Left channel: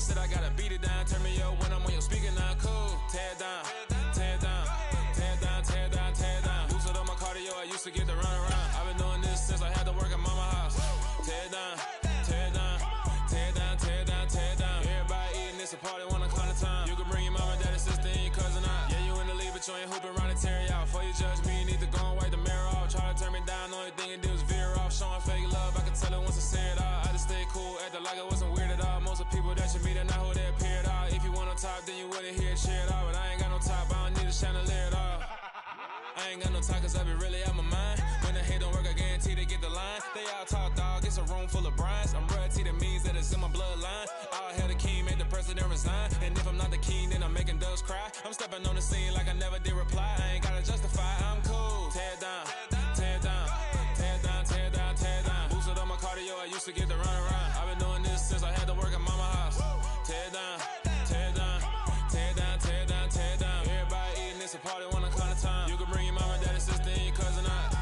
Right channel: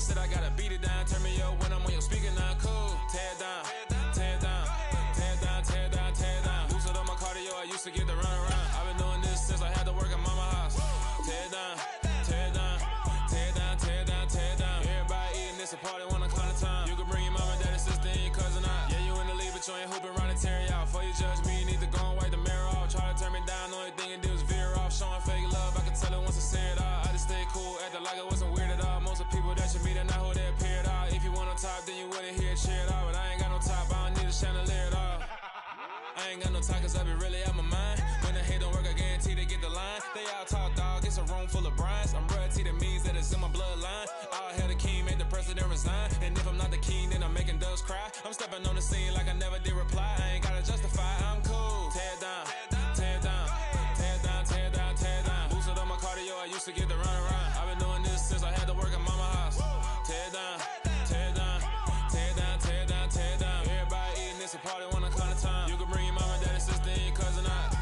said I gotta beat it down. Turn me up when I'm on your speaker now. Cool. Tear down, tear down, tear down, tear down, tear down. Lose it on my cardio, I used to get the run around. I've been doing this since I had to work at mama house. Tear down, tear down, tear down, tear down, tear down. Everybody eating this a party when I climb the time. You can bring your mama, daddy, sister, and your cousin out. Yeah, you in the league, but you ain't hooping around and tearing out. Before you judge me, you need to go and wipe the mirror off. Try to turn me down, only thing you do is veer off. Showing fake love, I can tell it once I say it all. I just stay cool, acting like I wasn't weird at all. Most of the people that you meet are not who they appear at all. If you want on top, then you wouldn't hear it cheer at all. But I ain't got no top, I don't need a chandelier at all. I ain't got no time, cause I be really out my mind. When the hate don't work, I guarantee they get the line. They all talk, dog, it's a room full of brinds. I'm royalty, that means that it's in my bloodline. All hell the king, made the president resign. And if I'm not the king, then I'm making doves cry. I'm stepping on the scene like I never did reply. I ain't gotta justify, I'm cool. Tear down, tear down, tear down, tear down, tear down. Boosted on my cardio, I used to get the run around. I've been doing this since I had to work at mama house. Tear down, tear down, tear down, tear down, tear down. Everybody eating this a party when I climb the time. You can bring your mama, daddy, sister, and your cousin out.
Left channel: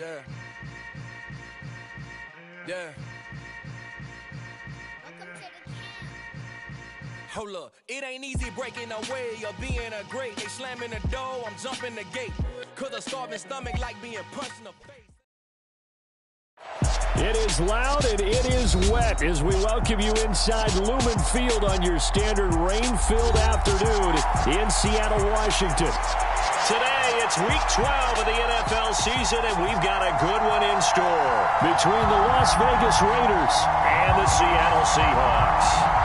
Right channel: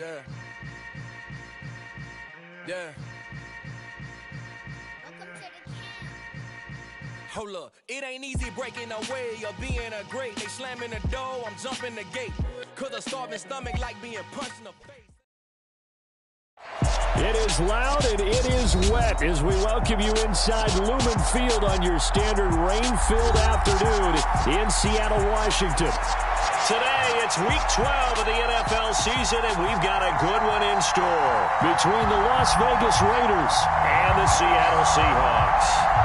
Yeah. Yeah. Welcome to the camp. Hold up, it ain't easy breaking away or being a great. They slamming the door, I'm jumping the gate. Cause a starving stomach like being punched in the face. It is loud and it is wet as we welcome you inside Lumen Field on your standard rain-filled afternoon in Seattle, Washington. Today, it's Week 12 of the NFL season, and we've got a good one in store Between the Las Vegas Raiders and the Seattle Seahawks.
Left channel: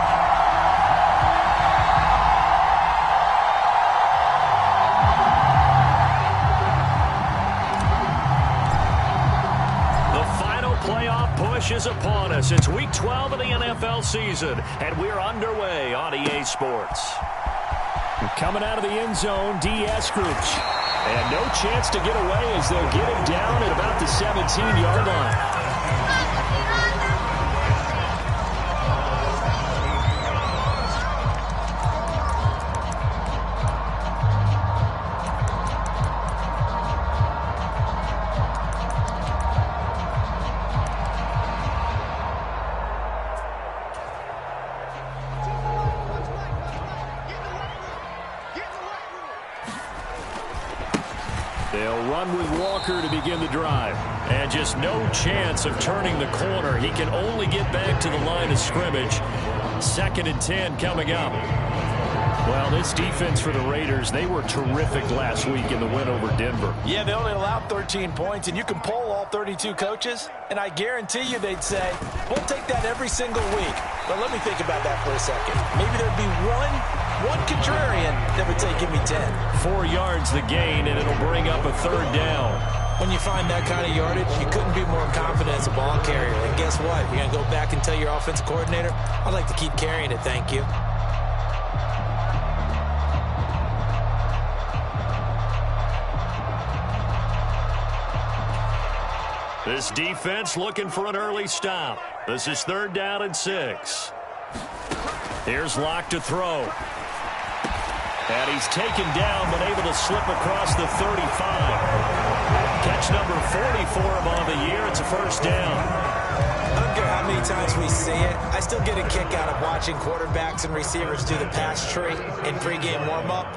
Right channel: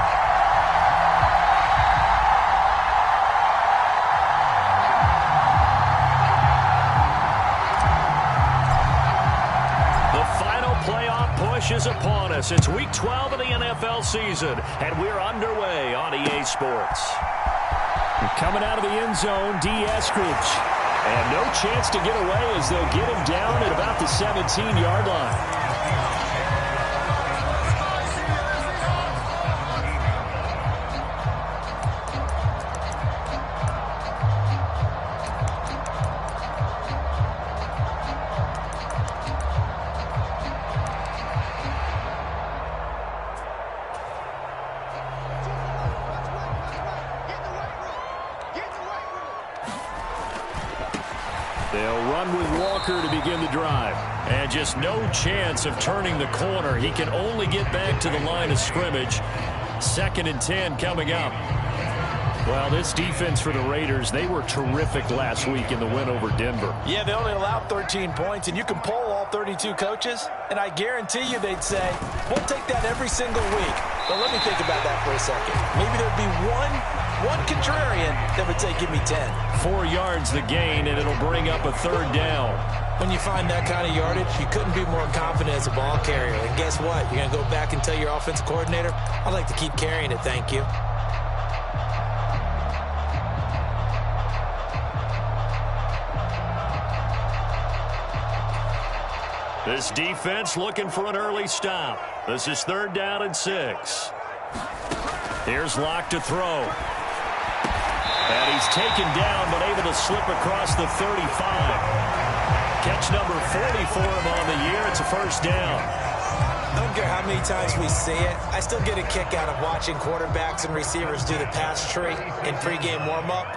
Playoff push is upon us. It's Week 12 of the NFL season, and we're underway on EA Sports. Coming out of the end zone, D. Eskridge. And no chance to get away as they'll get him down at about the 17-yard line. They'll run with Walker to begin the drive. And just no chance of turning the corner. He can only get back to the line of scrimmage. 2nd and 10 coming up. Well, this defense for the Raiders, they were terrific last week in the win over Denver. Yeah, they only allowed 13 points, and you can poll all 32 coaches, and I guarantee you they'd say, we'll take that every single week. But let me think about that for a second. Maybe there'd be one contrarian that would say, give me 10. 4 yards the gain, and it'll bring up a 3rd down. When you find that kind of yardage, you couldn't be more confident as a ball carrier. And guess what? You're going to go back and tell your offensive coordinator, I'd like to keep carrying it, thank you. This defense looking for an early stop. This is 3rd down and 6. Here's Locke to throw. And he's taken down but able to slip across the 35. Catch number 40 for him on the year. It's a 1st down. I don't care how many times we see it. I still get a kick out of watching quarterbacks and receivers do the pass tree in pregame warm-up.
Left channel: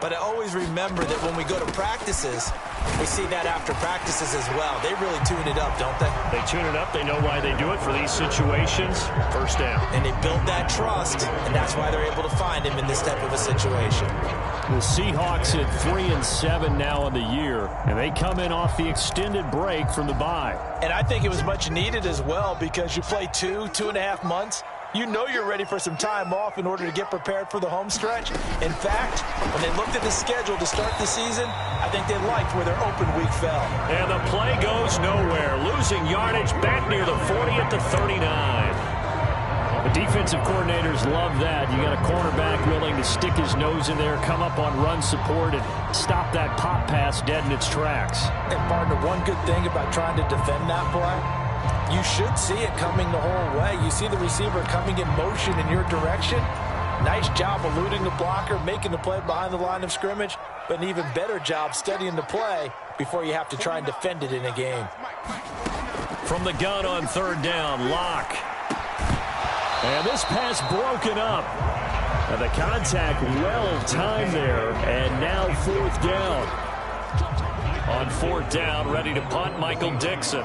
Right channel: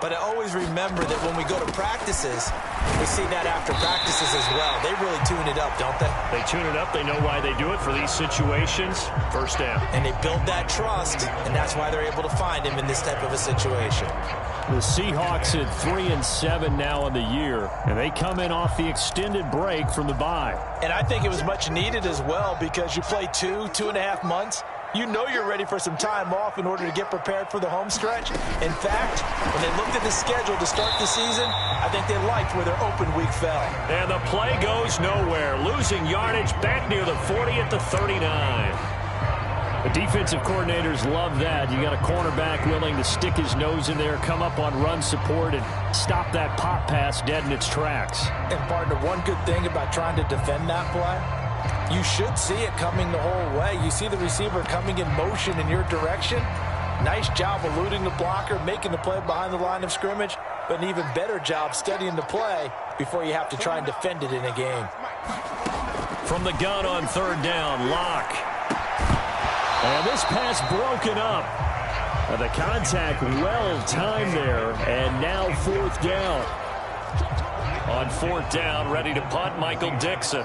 But I always remember that when we go to practices, We see that after practices as well. They really tune it up, don't they? They tune it up. They know why they do it for these situations. First down. And they build that trust, and that's why they're able to find him in this type of a situation. The Seahawks at 3-7 now in the year, and they come in off the extended break from the bye. And I think it was much needed as well because you play 2.5 months. You know you're ready for some time off in order to get prepared for the home stretch. In fact, when they looked at the schedule to start the season, I think they liked where their open week fell. And the play goes nowhere, losing yardage back near the 40 at the 39. The defensive coordinators love that. You got a cornerback willing to stick his nose in there, come up on run support, and stop that pop pass dead in its tracks. And, partner, one good thing about trying to defend that play, you should see it coming the whole way. You see the receiver coming in motion in your direction. Nice job eluding the blocker, making the play behind the line of scrimmage, but an even better job studying the play before you have to try and defend it in a game. From the gun on third down, Locke. And this pass broken up. And the contact well timed there. And now fourth down. On fourth down, ready to punt, Michael Dixon.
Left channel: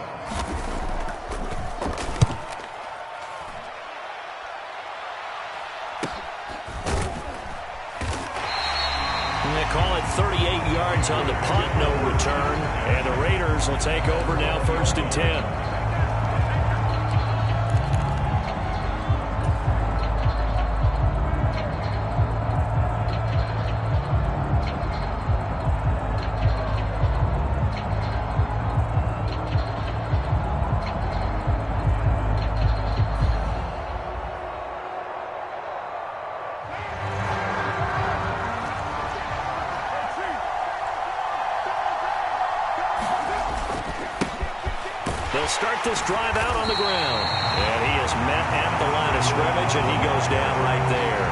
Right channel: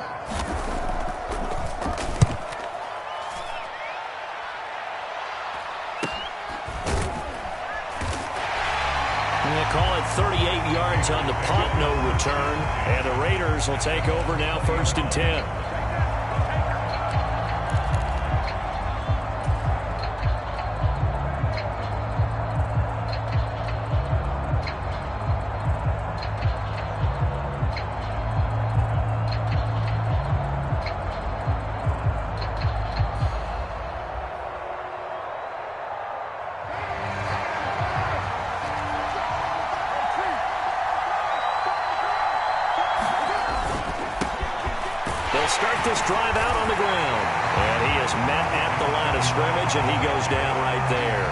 They call it 38 yards on the punt, no return. And the Raiders will take over now, 1st and 10. They'll start this drive out on the ground. And he is met at the line of scrimmage, and he goes down right there.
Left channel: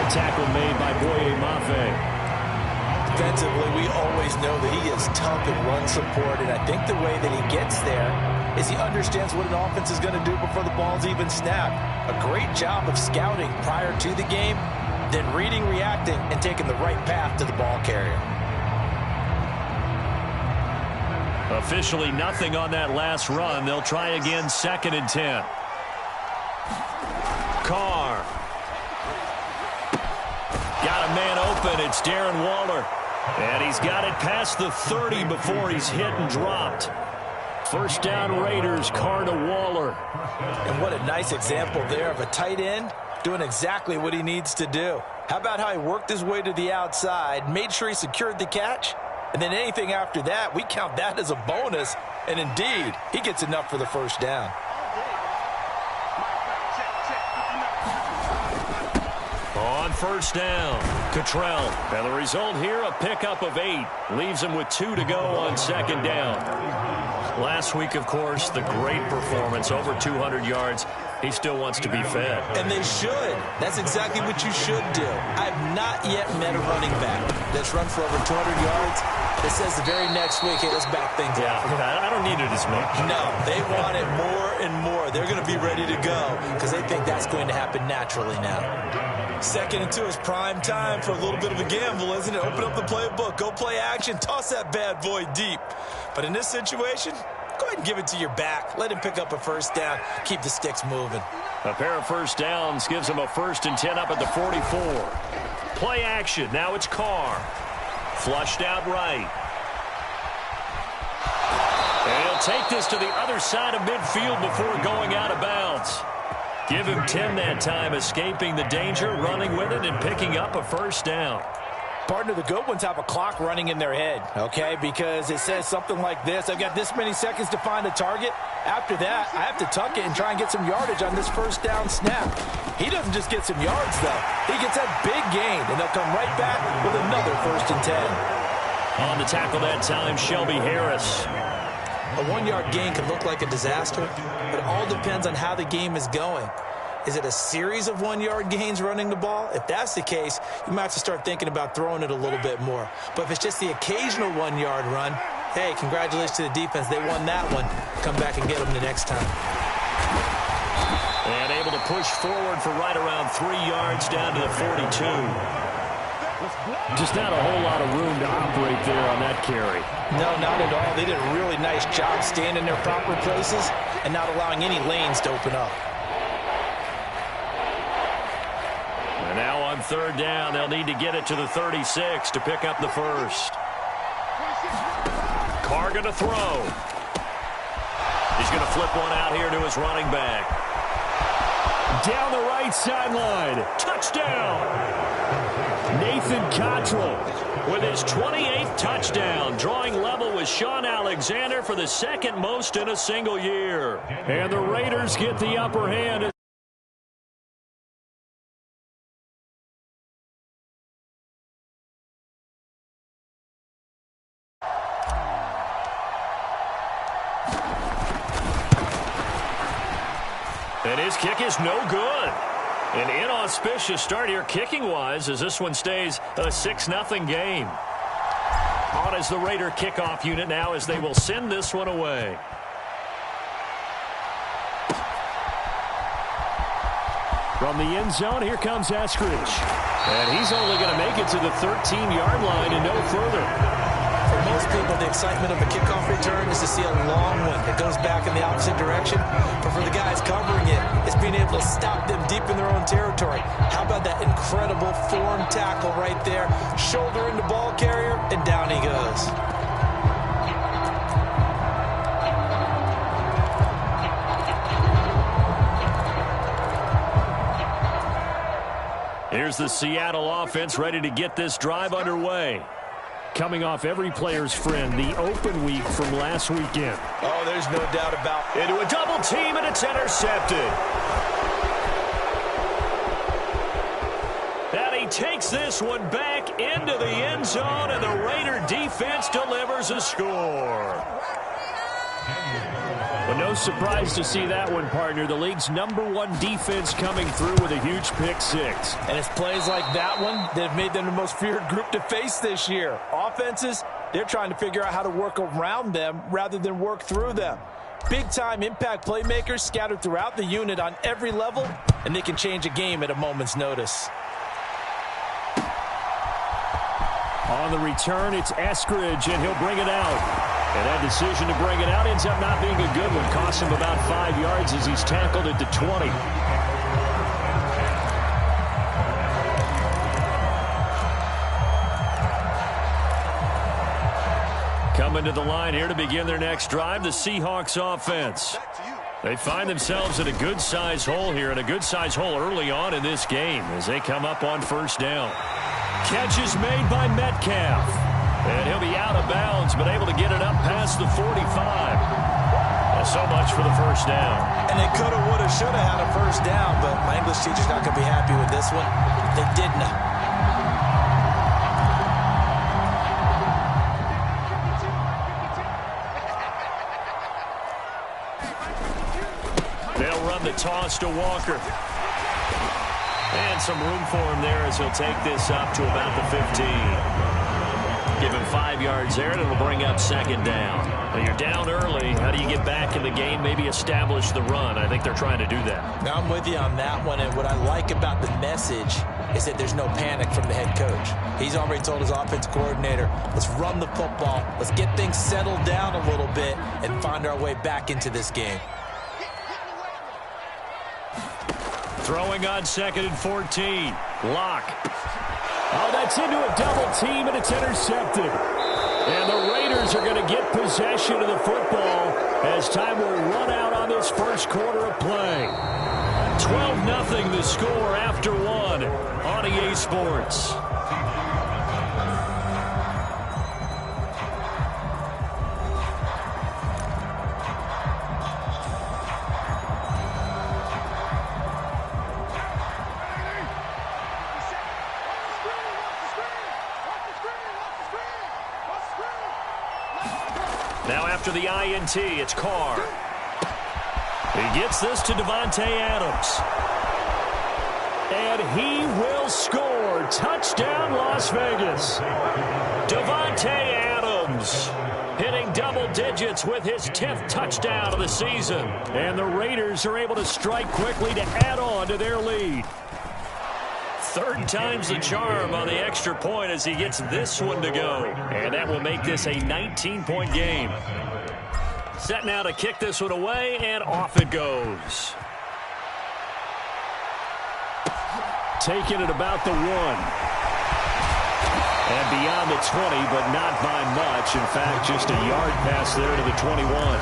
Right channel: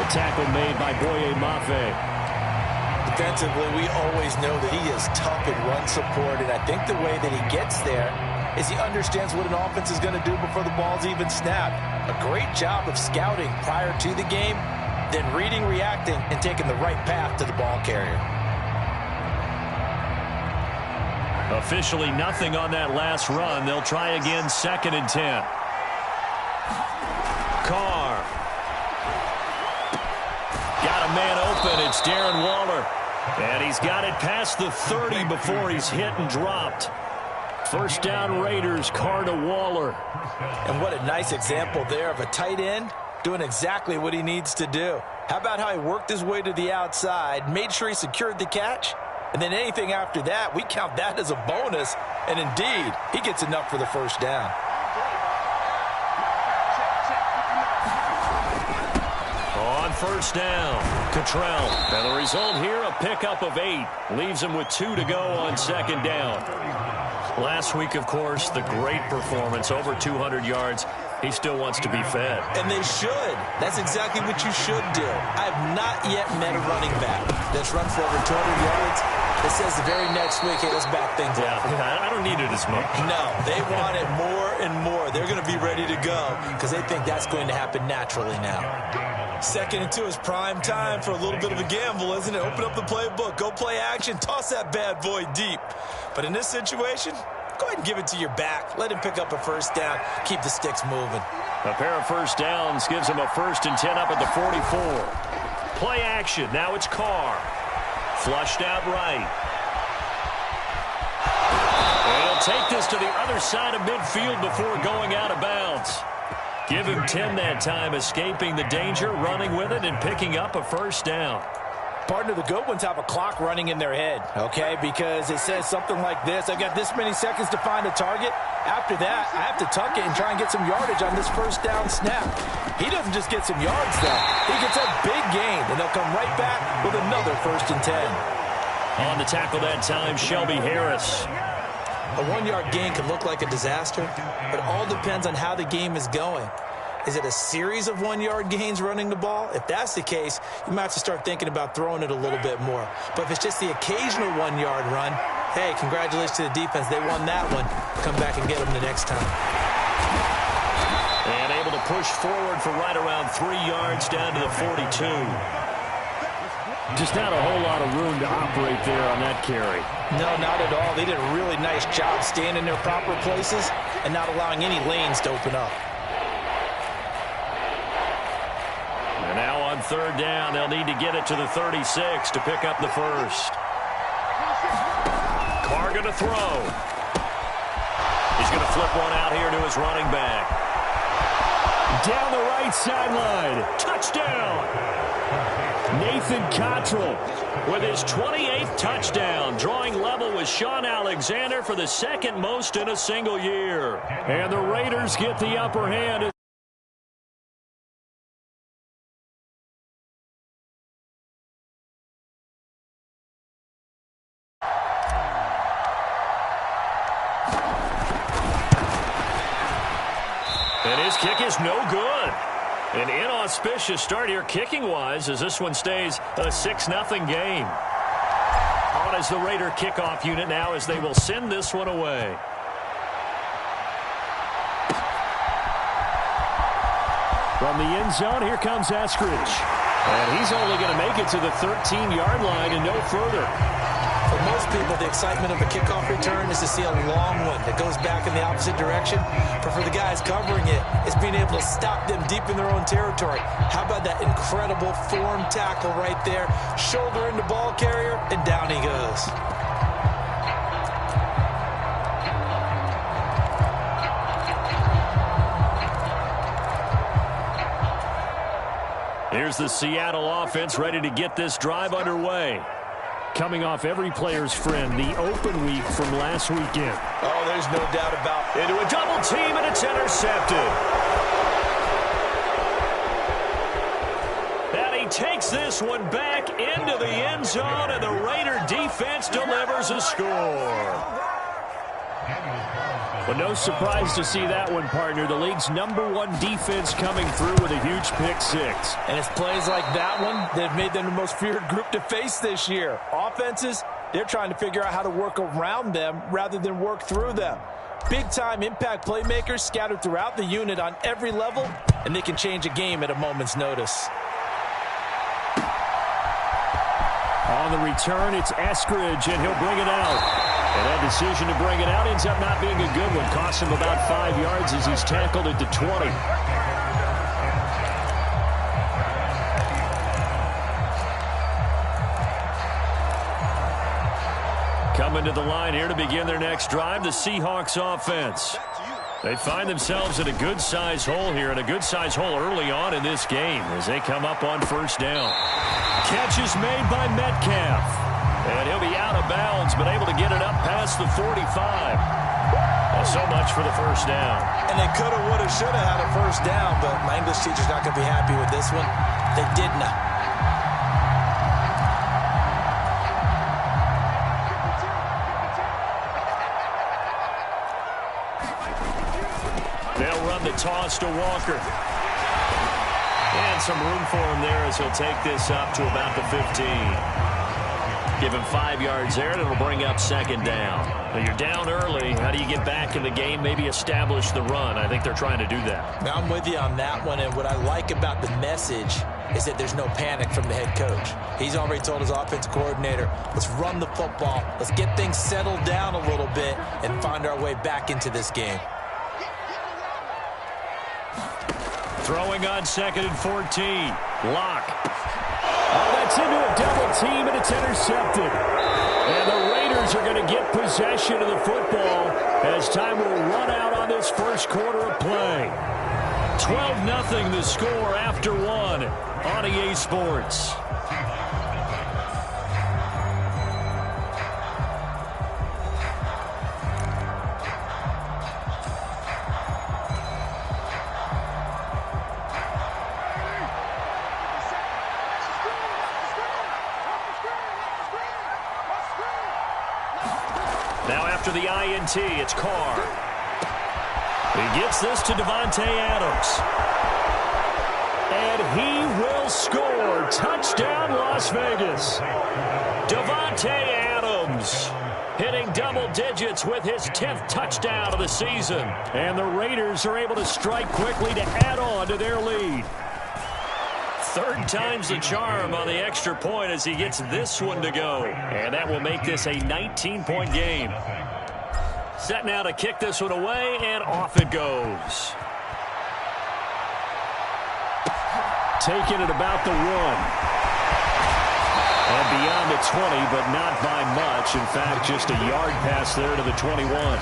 A tackle made by Boye Mafe. Defensively, we always know that he is tough in run support, and I think the way that he gets there is he understands what an offense is going to do before the ball's even snapped. A great job of scouting prior to the game, then reading, reacting, and taking the right path to the ball carrier. Officially nothing on that last run. They'll try again, 2nd and 10. Carr. Got a man open. It's Darren Waller. And he's got it past the 30 before he's hit and dropped. First down Raiders, Carr to Waller. And what a nice example there of a tight end doing exactly what he needs to do. How about how he worked his way to the outside, made sure he secured the catch? And then anything after that, we count that as a bonus. And indeed, he gets enough for the first down. On first down, Cottrell. And the result here, a pickup of 8. Leaves him with 2 to go on 2nd down. Last week, of course, the great performance, over 200 yards. He still wants to be fed. And they should. That's exactly what you should do. I have not yet met a running back that's run for over 200 yards that says the very next week, hey, let's back things up. Yeah, I don't need it as much. No, they want it more and more. They're going to be ready to go because they think that's going to happen naturally now. 2nd and 2 is prime time for a little bit of a gamble, isn't it? Open up the playbook, go play action, toss that bad boy deep. But in this situation, go ahead and give it to your back. Let him pick up a first down. Keep the sticks moving. A pair of first downs gives him a 1st and 10 up at the 44. Play action. Now it's Carr. Flushed out right. And he'll take this to the other side of midfield before going out of bounds. Give him 10 that time, escaping the danger, running with it, and picking up a first down. Partner, the good ones have a clock running in their head, okay? Because it says something like this. I've got this many seconds to find a target. After that, I have to tuck it and try and get some yardage on this first down snap. He doesn't just get some yards, though. He gets a big gain, and they'll come right back with another 1st and 10. On the tackle that time, Shelby Harris. A 1-yard gain could look like a disaster, but it all depends on how the game is going. Is it a series of 1-yard gains running the ball? If that's the case, you might have to start thinking about throwing it a little bit more. But if it's just the occasional 1-yard run, hey, congratulations to the defense. They won that one. Come back and get them the next time. And able to push forward for right around 3 yards down to the 42. Just not a whole lot of room to operate there on that carry. No, not at all. They did a really nice job staying in their proper places and not allowing any lanes to open up. And now on third down, they'll need to get it to the 36 to pick up the first. Carr going to throw. He's going to flip one out here to his running back. Down the right sideline. Touchdown. Nathan Cottrell with his 28th touchdown, drawing level with Shawn Alexander for the second most in a single year. And the Raiders get the upper hand. And his kick is no good. An inauspicious start here kicking-wise as this one stays a 6-0 game. On is the Raider kickoff unit now as they will send this one away. From the end zone, here comes Eskridge. And he's only going to make it to the 13-yard line and no further. For most people, the excitement of a kickoff return is to see a long one that goes back in the opposite direction. But for the guys covering it, it's being able to stop them deep in their own territory. How about that incredible form tackle right there? Shoulder into ball carrier, and down he goes. Here's the Seattle offense ready to get this drive underway. Coming off every player's friend, the open week from last weekend. Oh, there's no doubt about it. Into a double team, and it's intercepted. And he takes this one back into the end zone, and the Raider defense delivers a score. Well, no surprise to see that one, partner. The league's #1 defense coming through with a huge pick-6. And it's plays like that one that have made them the most feared group to face this year. Offenses, they're trying to figure out how to work around them rather than work through them. Big-time impact playmakers scattered throughout the unit on every level, and they can change a game at a moment's notice. On the return, it's Eskridge, and he'll bring it out. And that decision to bring it out ends up not being a good one. Costs him about 5 yards as he's tackled at the 20. Coming to the line here to begin their next drive, the Seahawks offense. They find themselves in a good-sized hole here, and a good-sized hole early on in this game as they come up on first down. Catch is made by Metcalf. And he'll be out of bounds, but able to get it up past the 45. Well, so much for the first down. And they coulda, woulda, shoulda had a first down, but my English teacher's not going to be happy with this one. They did not. They'll run the toss to Walker. And some room for him there as he'll take this up to about the 15. Give him 5 yards there, and it'll bring up second down. Well, you're down early. How do you get back in the game, maybe establish the run? I think they're trying to do that. Now, I'm with you on that one, and what I like about the message is that there's no panic from the head coach. He's already told his offense coordinator, let's run the football, let's get things settled down a little bit, and find our way back into this game. Throwing on 2nd and 14. Lock. Oh, that's into a double team, and it's intercepted. And the Raiders are going to get possession of the football as time will run out on this first quarter of play. 12-0 the score after one on EA Sports. Now after the INT, it's Carr. He gets this to Davante Adams. And he will score. Touchdown, Las Vegas. Davante Adams hitting double digits with his 10th touchdown of the season. And the Raiders are able to strike quickly to add on to their lead. Third time's the charm on the extra point as he gets this one to go. And that will make this a 19-point game. Set now to kick this one away, and off it goes. Taking it about the 1. And beyond the 20, but not by much. In fact, just a yard pass there to the 21.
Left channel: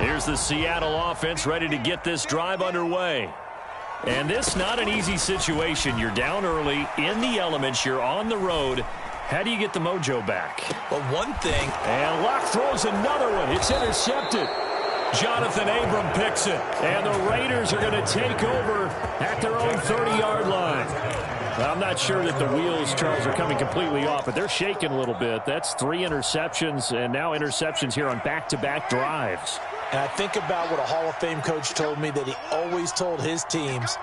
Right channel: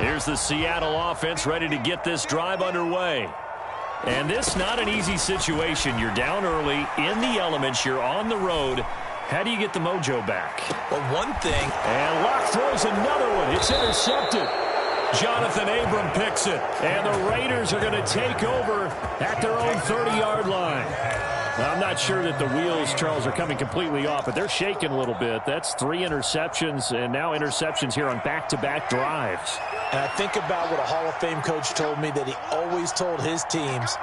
Here's the Seattle offense ready to get this drive underway. And this not an easy situation. You're down early, in the elements, you're on the road. How do you get the mojo back? Well, one thing. And Locke throws another one. It's intercepted. Jonathan Abram picks it. And the Raiders are going to take over at their own 30-yard line. I'm not sure that the wheels, Charles, are coming completely off, but they're shaking a little bit. That's 3 interceptions, and now interceptions here on back-to-back drives. And I think about what a Hall of Fame coach told me that he always told his teams,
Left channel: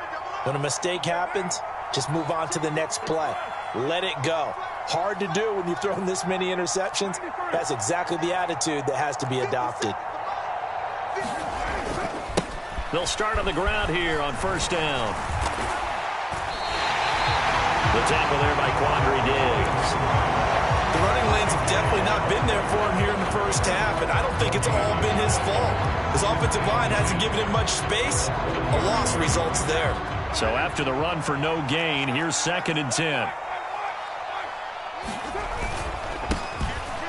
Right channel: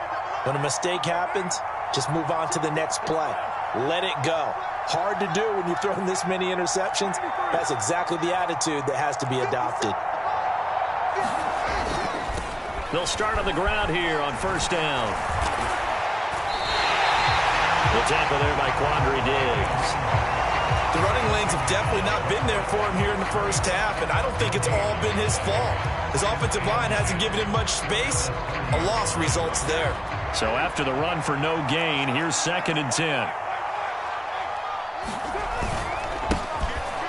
when a mistake happens, just move on to the next play. Let it go. Hard to do when you've thrown this many interceptions. That's exactly the attitude that has to be adopted. They'll start on the ground here on first down. The tackle there by Quandre Diggs. The running lanes have definitely not been there for him here in the first half, and I don't think it's all been his fault. His offensive line hasn't given him much space. A loss results there. So after the run for no gain, here's 2nd and 10.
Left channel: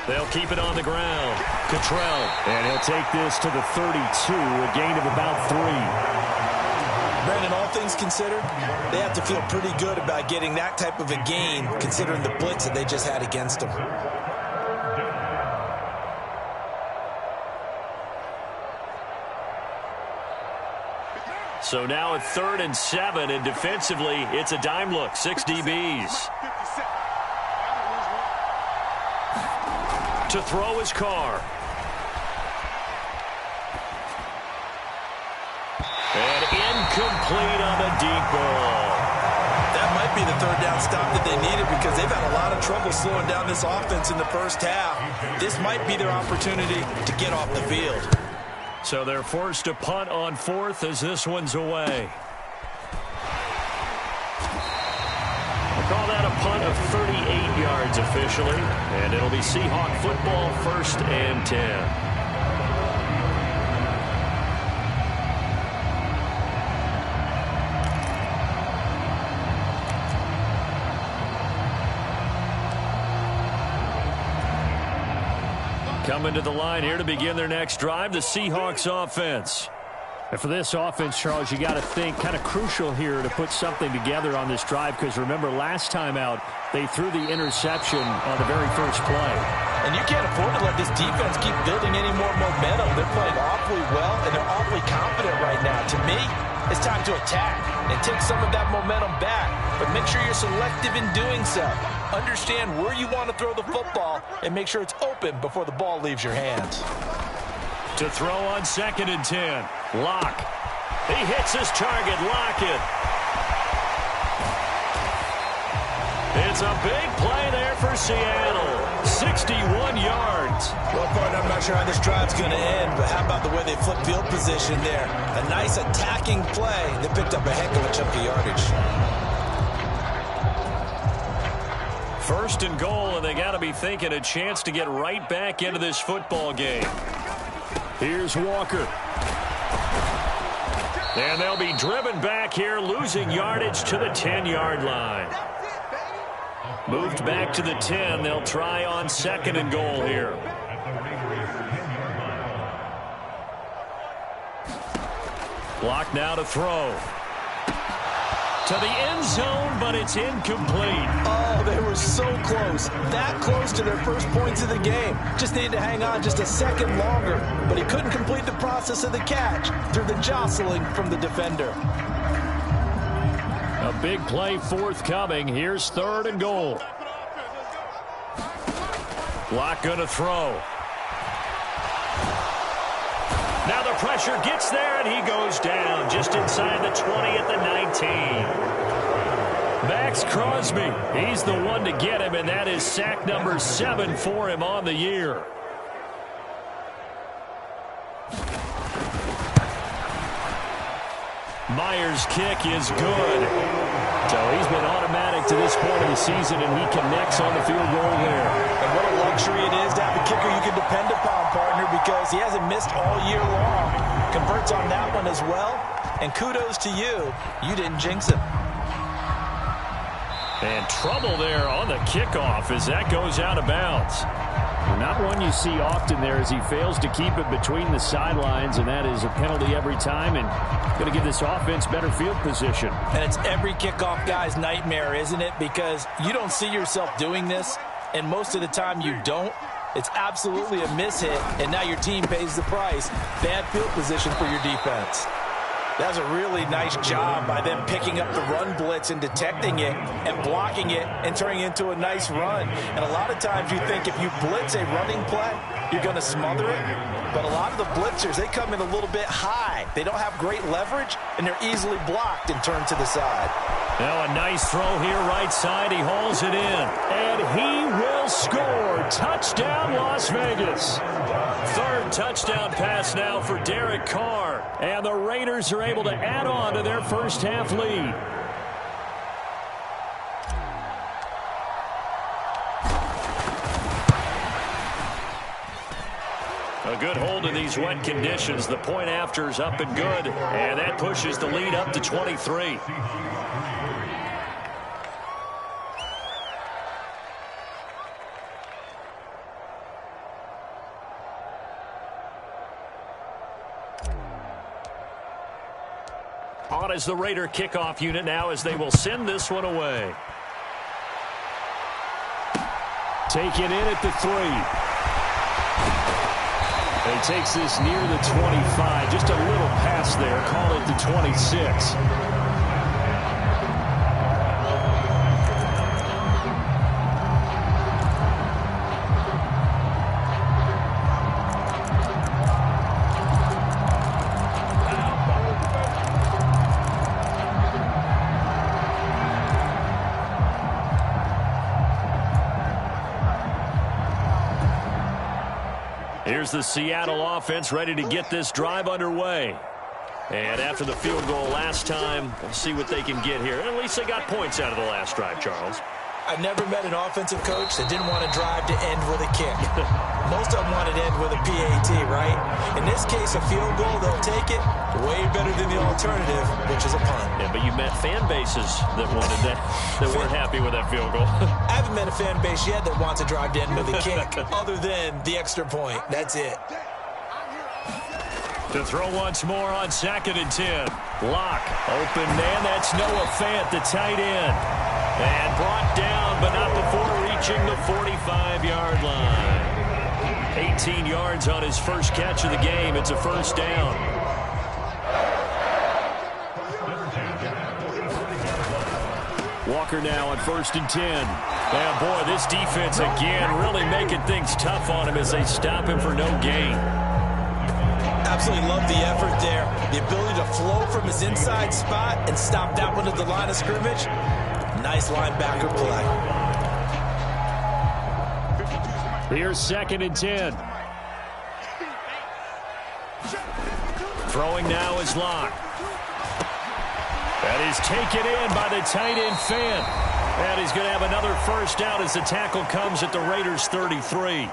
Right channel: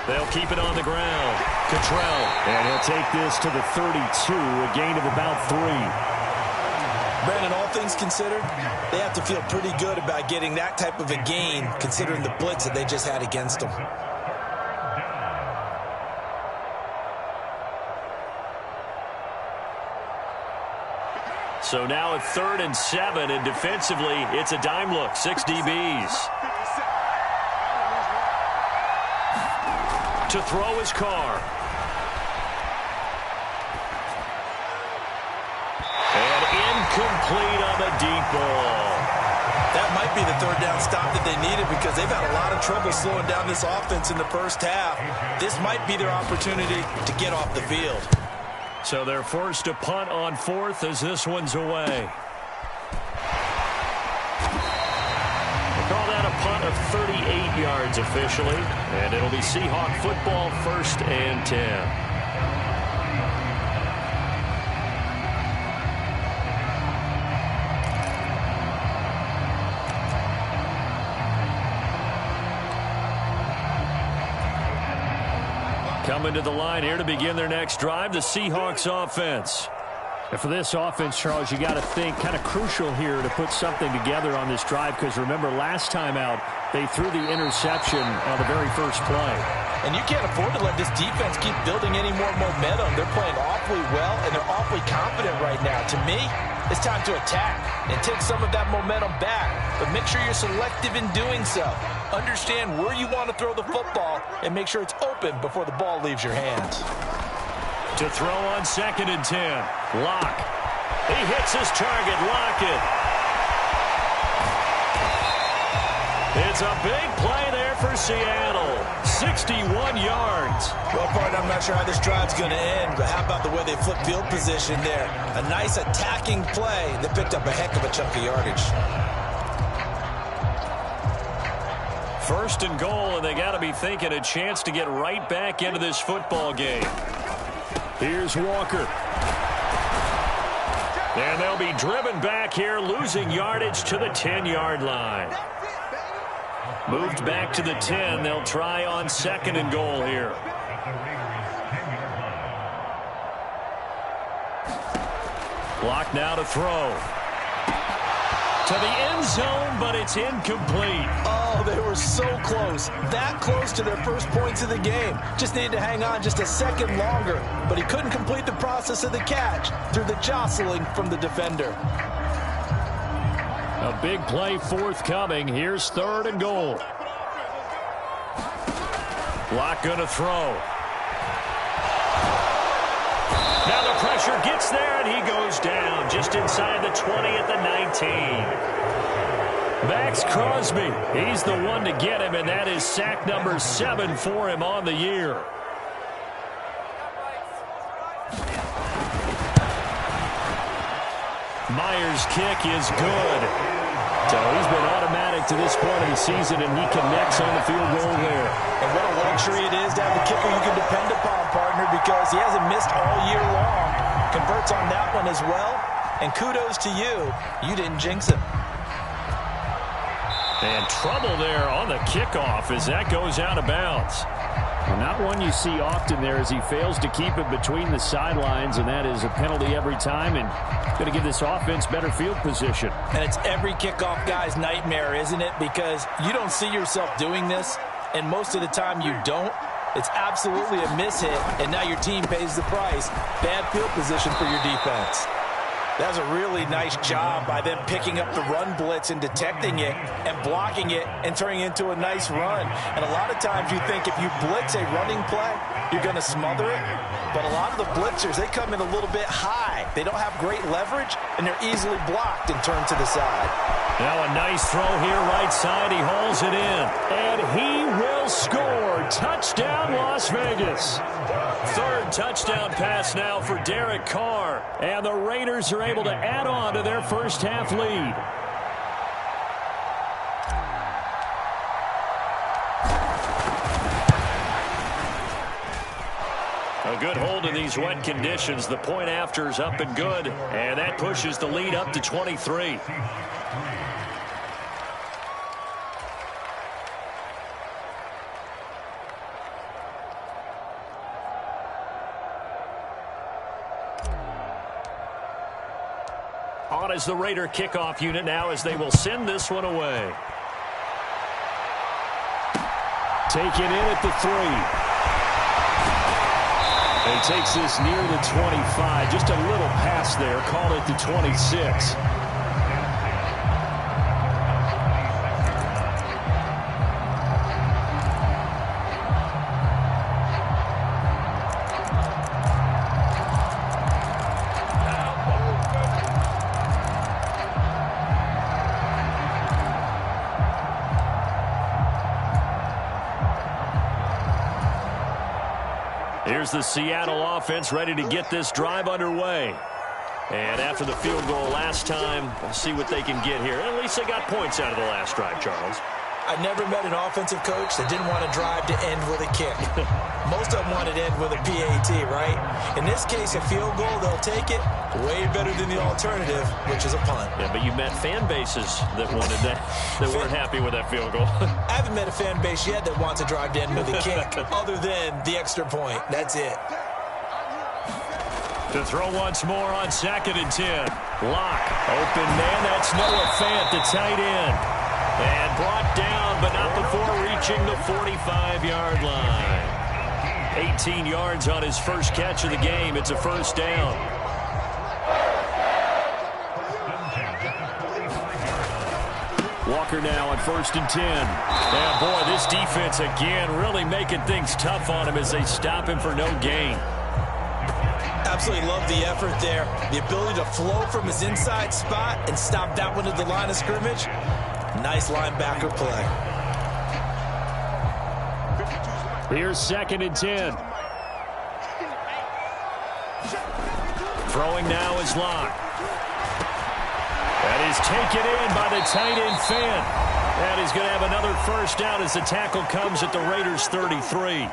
They'll keep it on the ground. Cottrell. And he'll take this to the 32, a gain of about 3. Brandon, all things considered, they have to feel pretty good about getting that type of a gain, considering the blitz that they just had against them. So now at 3rd and 7, and defensively, it's a dime look. 6 DBs. To throw his Carr. And incomplete on the deep ball. That might be the 3rd down stop that they needed because they've had a lot of trouble slowing down this offense in the first half. This might be their opportunity to get off the field. So they're forced to punt on 4th as this one's away. We'll call that a punt of 38 yards officially. And it'll be Seahawk football, 1st and 10. Coming to the line here to begin their next drive, the Seahawks offense. And for this offense, Charles, you got to think kind of crucial here to put something together on this drive because remember last time out, they threw the interception on the very first play. And you can't afford to let this defense keep building any more momentum. They're playing awfully well, and they're awfully confident right now. To me, it's time to attack and take some of that momentum back, but make sure you're selective in doing so. Understand where you want to throw the football and make sure it's open before the ball leaves your hands. To throw on 2nd and 10. Locke. He hits his target. Lockett. It's a big play there for Seattle. 61 yards. Well, partner, I'm not sure how this drive's going to end, but how about the way they flip field position there? A nice attacking play that picked up a heck of a chunk of yardage. 1st and goal, and they got to be thinking a chance to get right back into this football game. Here's Walker. And they'll be driven back here, losing yardage to the 10-yard line. Moved back to the 10. They'll try on 2nd and goal here. Block now to throw. To the end zone, but it's incomplete. Oh, they were so close. That close to their first points of the game. Just needed to hang on just a second longer. But he couldn't complete the process of the catch through the jostling from the defender. A big play forthcoming. Here's 3rd and goal. Locke going to throw. Now the pressure gets there, and he goes down just inside the 20 at the 19. Max Crosby, he's the one to get him, and that is sack number 7 for him on the year. Myers' kick is good. So he's been automatic to this point of the season, and he connects on the field goal there. And what a luxury it is to have a kicker you can depend upon, partner, because he hasn't missed all year long. Converts on that one as well. And kudos to you. You didn't jinx him. And trouble there on the kickoff as that goes out of bounds. Well, not one you see often there as he fails to keep it between the sidelines, and that is a penalty every time, and going to give this offense better field position. And it's every kickoff guy's nightmare, isn't it? Because you don't see yourself doing this, and most of the time you don't. It's absolutely a mishit, and now your team pays the price. Bad field position for your defense. That was a really nice job by them picking up the run blitz and detecting it and blocking it and turning it into a nice run. And a lot of times you think if you blitz a running play, you're going to smother it. But a lot of the blitzers, they come in a little bit high. They don't have great leverage, and they're easily blocked and turned to the side. Now a nice throw here right side. He hauls it in. And he will score. Touchdown, Las Vegas. 3rd touchdown pass now for Derek Carr. And the Raiders are able to add on to their first half lead. A good hold in these wet conditions. The point after is up and good. And that pushes the lead up to 23. On is the Raider kickoff unit now as they will send this one away. Take it in at the 3. He takes this near the 25. Just a little pass there. Call it the 26. Here's the Seattle offense ready to get this drive underway. And after the field goal last time, we'll see what they can get here. At least they got points out of the last drive, Charles. I never met an offensive coach that didn't want to drive to end with a kick. Most of them wanted to end with a PAT, right? In this case, a field goal, they'll take it. Way better than the alternative, which is a punt. Yeah, but you met fan bases that wanted that, that weren't happy with that field goal. I haven't met a fan base yet that wants to drive to end with a kick, other than the extra point. That's it. To throw once more on 2nd and 10. Locke, open man, that's Noah Fant, the tight end. And brought down, but not before reaching the 45-yard line. 18 yards on his first catch of the game. It's a first down. Walker now on 1st and 10. And boy, this defense again really making things tough on him as they stop him for no gain. Absolutely love the effort there. The ability to flow from his inside spot and stop that one at the line of scrimmage. Nice linebacker play. Here's 2nd and 10. Throwing now is Locke. That is taken in by the tight end Fant. And he's going to have another first down as the tackle comes at the Raiders' 33.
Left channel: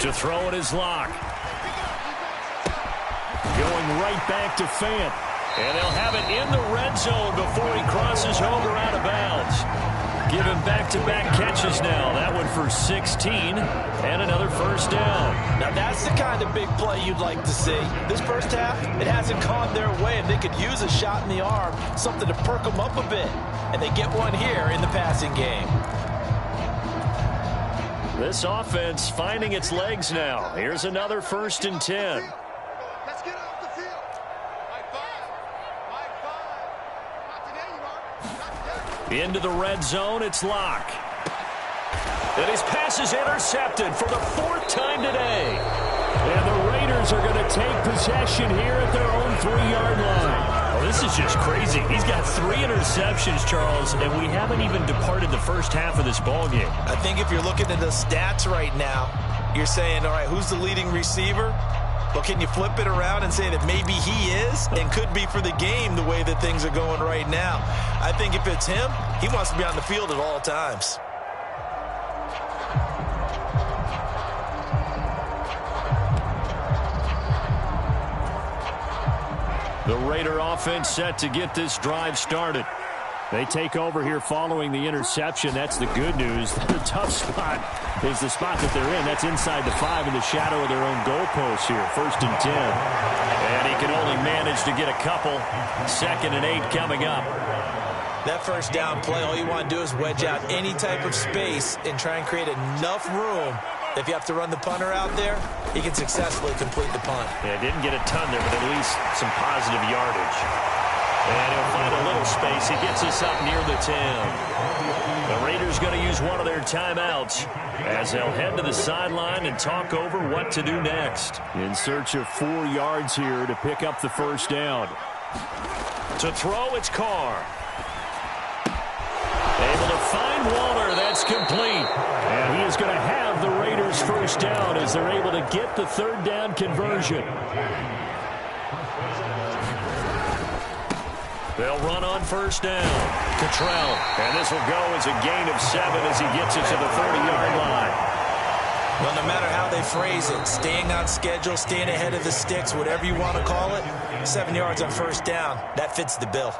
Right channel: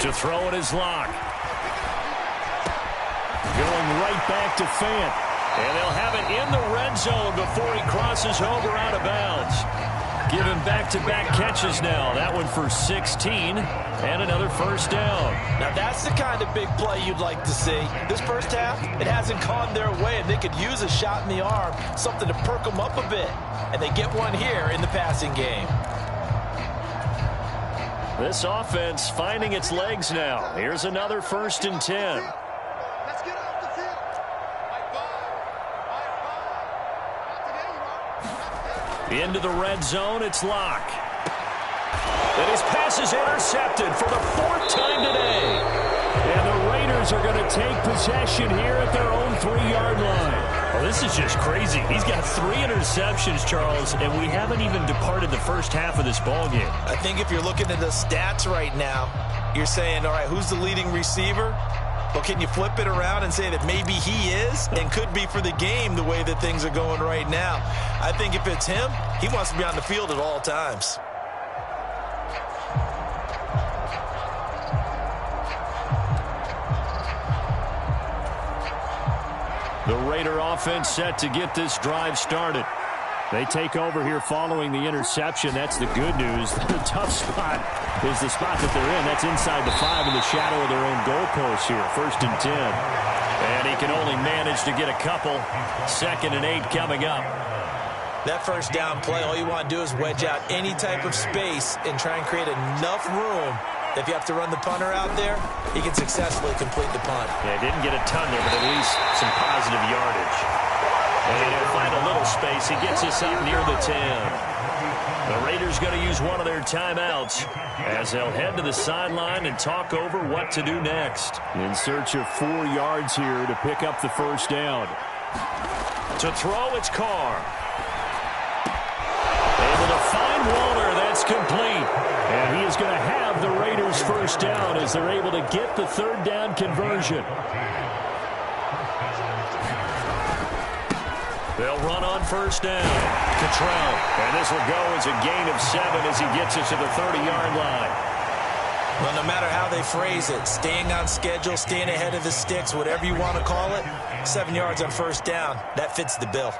To throw it is Locke. Going right back to Fant. And they'll have it in the red zone before he crosses over out of bounds. Give him back-to-back catches now. That one for 16 and another first down. Now that's the kind of big play you'd like to see. This first half, it hasn't gone their way, and they could use a shot in the arm, something to perk them up a bit. And they get one here in the passing game. This offense finding its legs now. Here's another 1st and 10. Let's get off the field. High five. Not today, you are. Not today. Into the red zone, it's Locke. And his pass is intercepted for the 4th time today. And the Raiders are going to take possession here at their own 3-yard line. Oh, this is just crazy. He's got 3 interceptions, Charles, and we haven't even departed the first half of this ballgame. I think if you're looking at the stats right now, you're saying, all right, who's the leading receiver? Well, can you flip it around and say that maybe he is and could be for the game the way that things are going right now? I think if it's him, he wants to be on the field at all times. The Raider offense set to get this drive started. They take over here following the interception. That's the good news. The tough spot is the spot that they're in. That's inside the 5 in the shadow of their own goalpost here. 1st and 10. And he can only manage to get a couple. 2nd and 8 coming up. That first down play, all you want to do is wedge out any type of space and try and create enough room. If you have to run the punter out there, he can successfully complete the punt. Yeah, didn't get a ton there, but at least some positive yardage. And he'll find a little space. He gets us up near the 10. The Raiders going to use one of their timeouts as they'll head to the sideline and talk over what to do next. In search of 4 yards here to pick up the first down. To throw, it's Carr. Able to find Waller. That's complete. And he is going to have the Raiders first down as they're able to get the 3rd down conversion. They'll run on first down. Cottrell. And this will go as a gain of 7 as he gets it to the 30-yard line. Well, no matter how they phrase it, staying on schedule, staying ahead of the sticks, whatever you want to call it, 7 yards on first down, that fits the bill.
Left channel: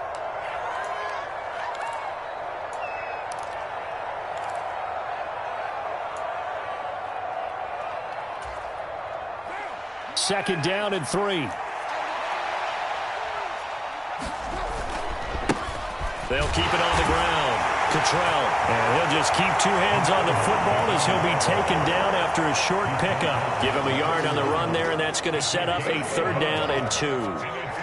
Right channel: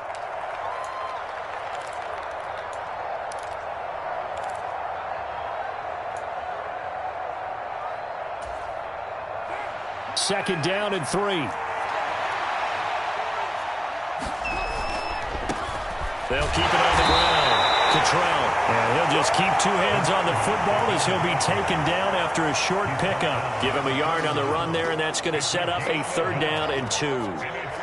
Second down and 3. They'll keep it on the ground. Cottrell. And he'll just keep 2 hands on the football as he'll be taken down after a short pickup. Give him a yard on the run there, and that's going to set up a 3rd down and 2.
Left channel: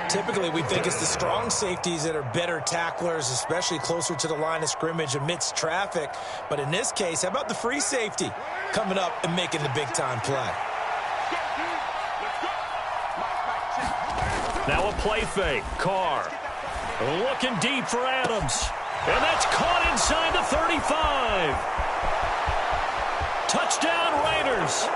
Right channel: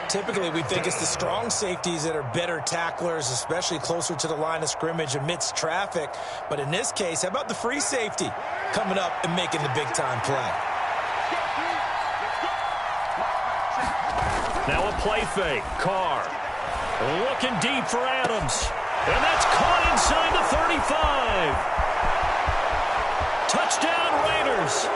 Typically, we think it's the strong safeties that are better tacklers, especially closer to the line of scrimmage amidst traffic. But in this case, how about the free safety coming up and making the big-time play? Now a play fake. Carr looking deep for Adams. And that's caught inside the 35. Touchdown Raiders.